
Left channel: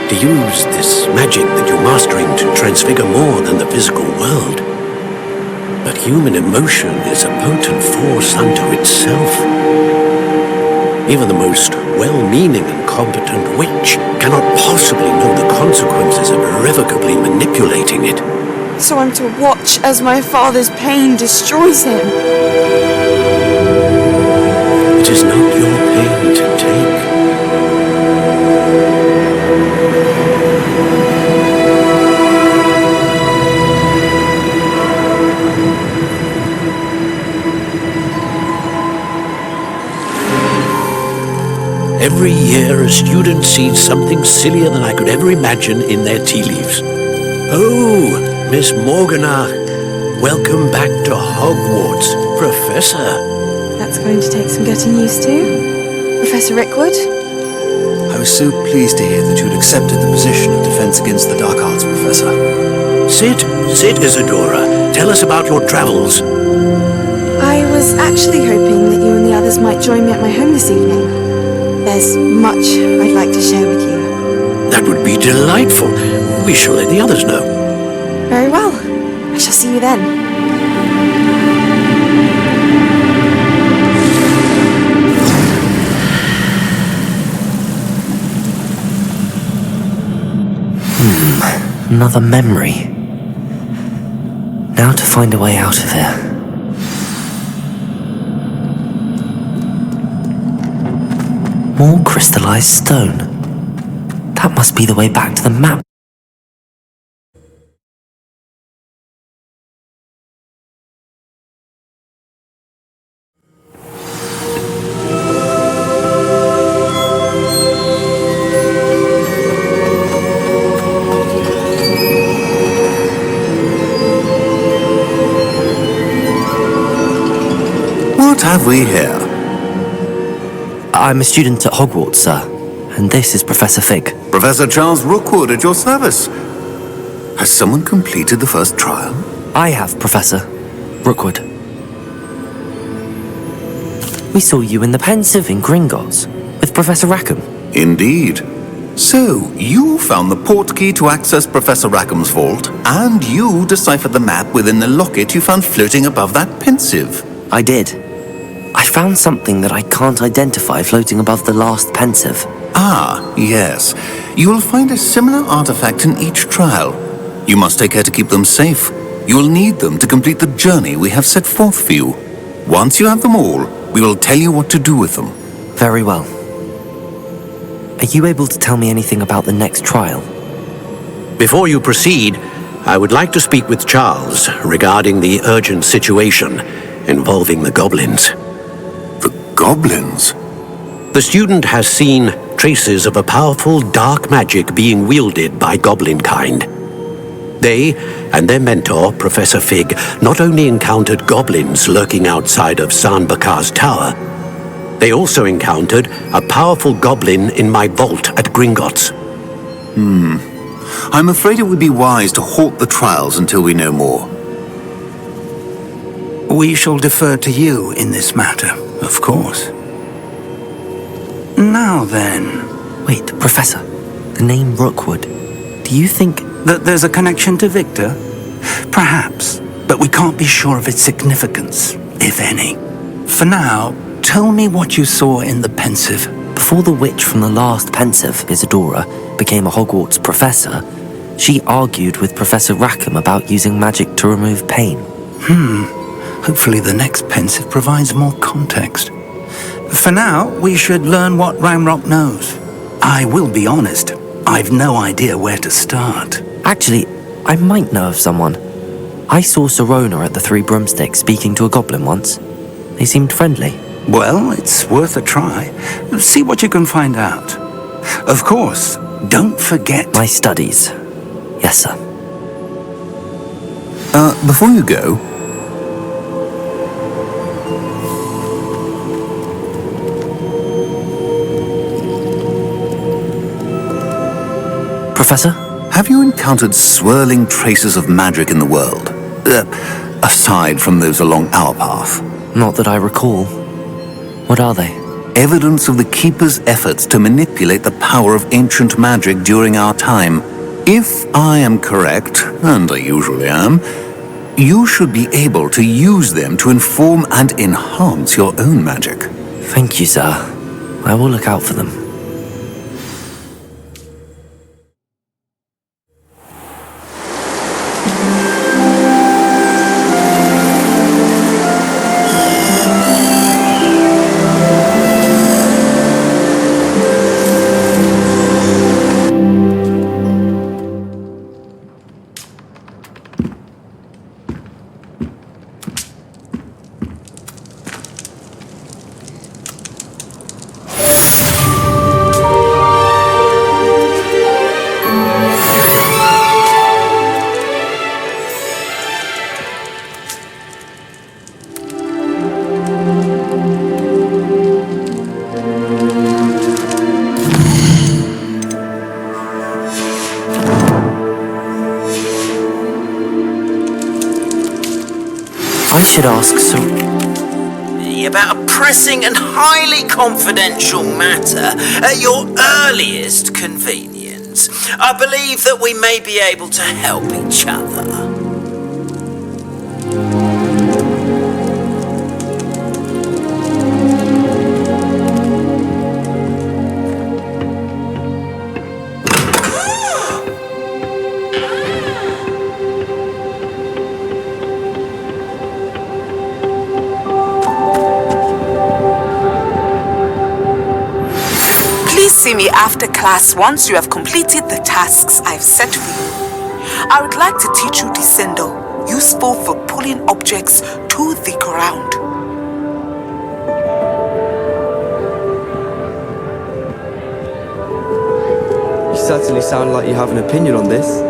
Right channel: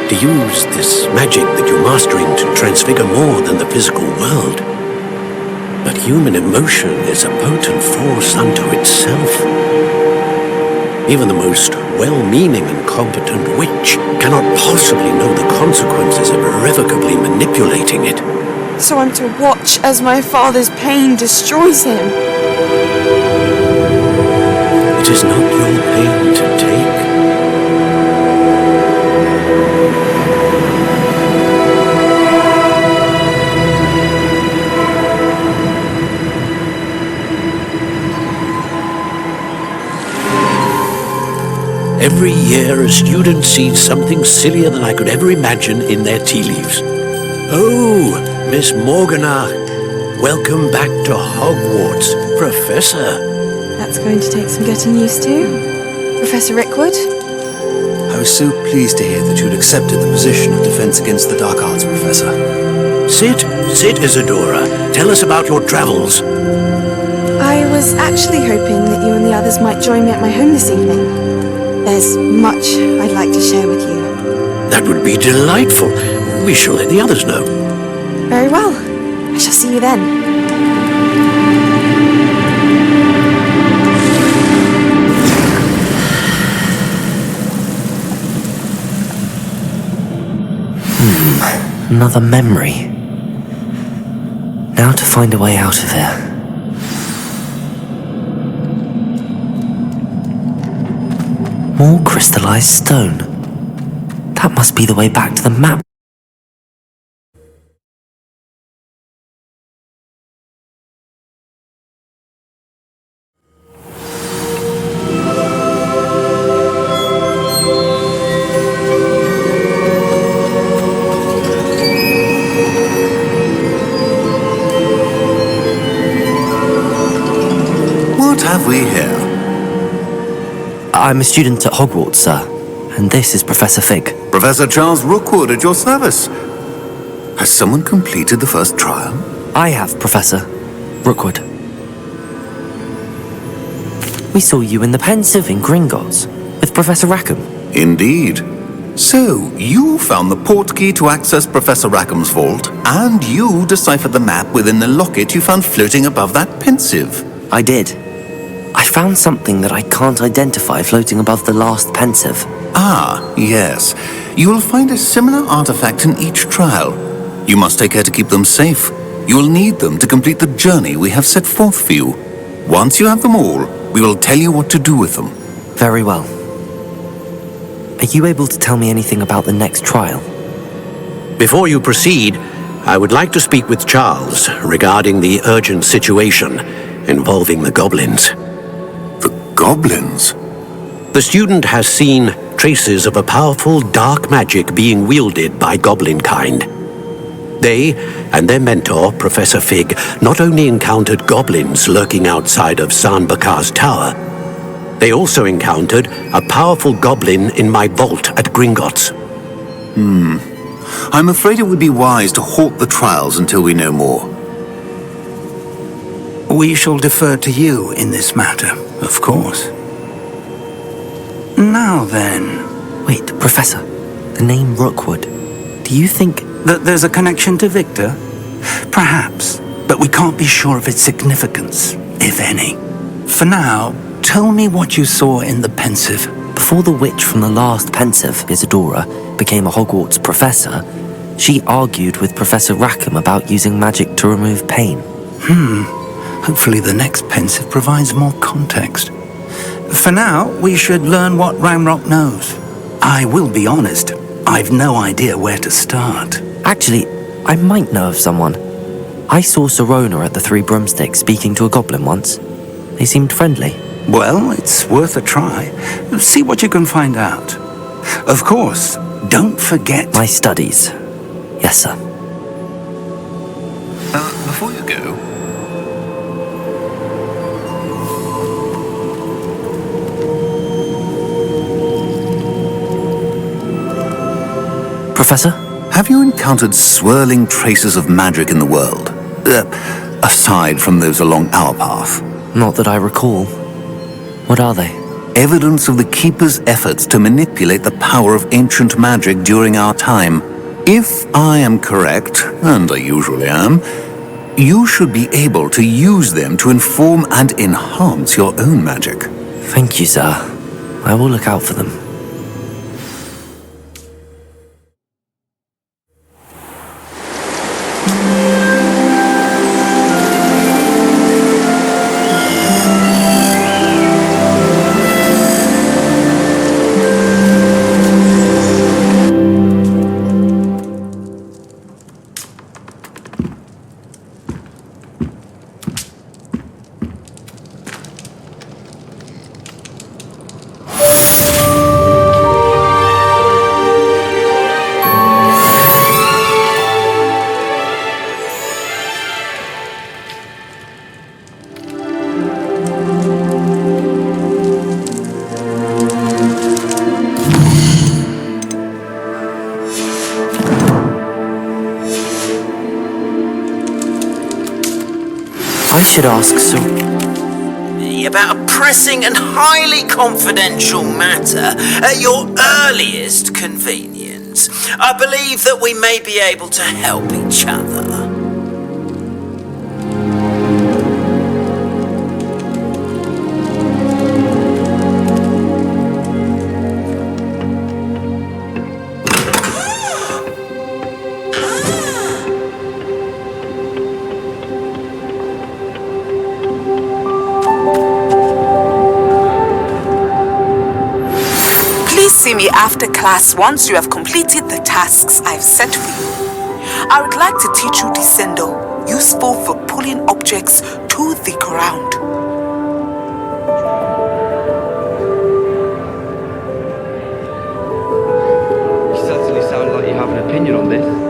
to use this magic that you're mastering to transfigure more than the physical world. But human emotion is a potent force unto itself. Even the most well-meaning and competent witch cannot possibly know the consequences of irrevocably manipulating it. So I'm to watch as my father's pain destroys him. It is not your pain to take. Every year, a student sees something sillier than I could ever imagine in their tea leaves. Oh, Miss Morganach, welcome back to Hogwarts, Professor. That's going to take some getting used to. Professor Rickwood? I was so pleased to hear that you'd accepted the position of Defense Against the Dark Arts, Professor. Sit, Isadora. Tell us about your travels. I was actually hoping that you and the others might join me at my home this evening. There's much I'd like to share with you. That would be delightful. We shall let the others know. Very well. I shall see you then. Another memory. Now to find a way out of here. More crystallized stone. That must be the way back to the map. What have we here? I'm a student at Hogwarts, sir. And this is Professor Fig. Professor Charles Rookwood at your service. Has someone completed the first trial? I have, Professor Rookwood. We saw you in the Pensive in Gringotts with Professor Rackham. Indeed. So, you found the portkey to access Professor Rackham's vault, and you deciphered the map within the locket you found floating above that Pensive. I did. I found something that I can't identify floating above the last Pensive. Ah, yes. You will find a similar artifact in each trial. You must take care to keep them safe. You will need them to complete the journey we have set forth for you. Once you have them all, we will tell you what to do with them. Very well. Are you able to tell me anything about the next trial? Before you proceed, I would like to speak with Charles regarding the urgent situation involving the goblins. The goblins? The student has seen traces of a powerful dark magic being wielded by goblin kind. They and their mentor, Professor Fig, not only encountered goblins lurking outside of San Bakar's tower, they also encountered a powerful goblin in my vault at Gringotts. I'm afraid it would be wise to halt the trials until we know more. We shall defer to you in this matter, of course. Now then... Wait, Professor. The name Rookwood. Do you think... that there's a connection to Victor? Perhaps, but we can't be sure of its significance, if any. For now, tell me what you saw in the Pensive. Before the witch from the last Pensive, Isadora, became a Hogwarts professor, she argued with Professor Rackham about using magic to remove pain. Hopefully the next pensive provides more context. For now, we should learn what Ramrock knows. I will be honest, I've no idea where to start. Actually, I might know of someone. I saw Sirona at the Three Broomsticks speaking to a goblin once. They seemed friendly. Well, it's worth a try. See what you can find out. Of course, don't forget... My studies. Yes, sir. Before you go... Professor? Have you encountered swirling traces of magic in the world? Aside from those along our path? Not that I recall. What are they? Evidence of the Keeper's efforts to manipulate the power of ancient magic during our time. If I am correct, and I usually am, you should be able to use them to inform and enhance your own magic. Thank you, sir. I will look out for them. I should ask Sir... About a pressing and highly confidential matter at your earliest convenience. I believe that we may be able to help each other. Please see me after class once you have completed the tasks I've set for you. I would like to teach you Descendo, useful for pulling objects to the ground. You certainly sound like you have an opinion on this.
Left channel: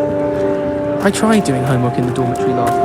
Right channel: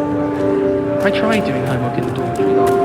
I tried doing homework in the dormitory last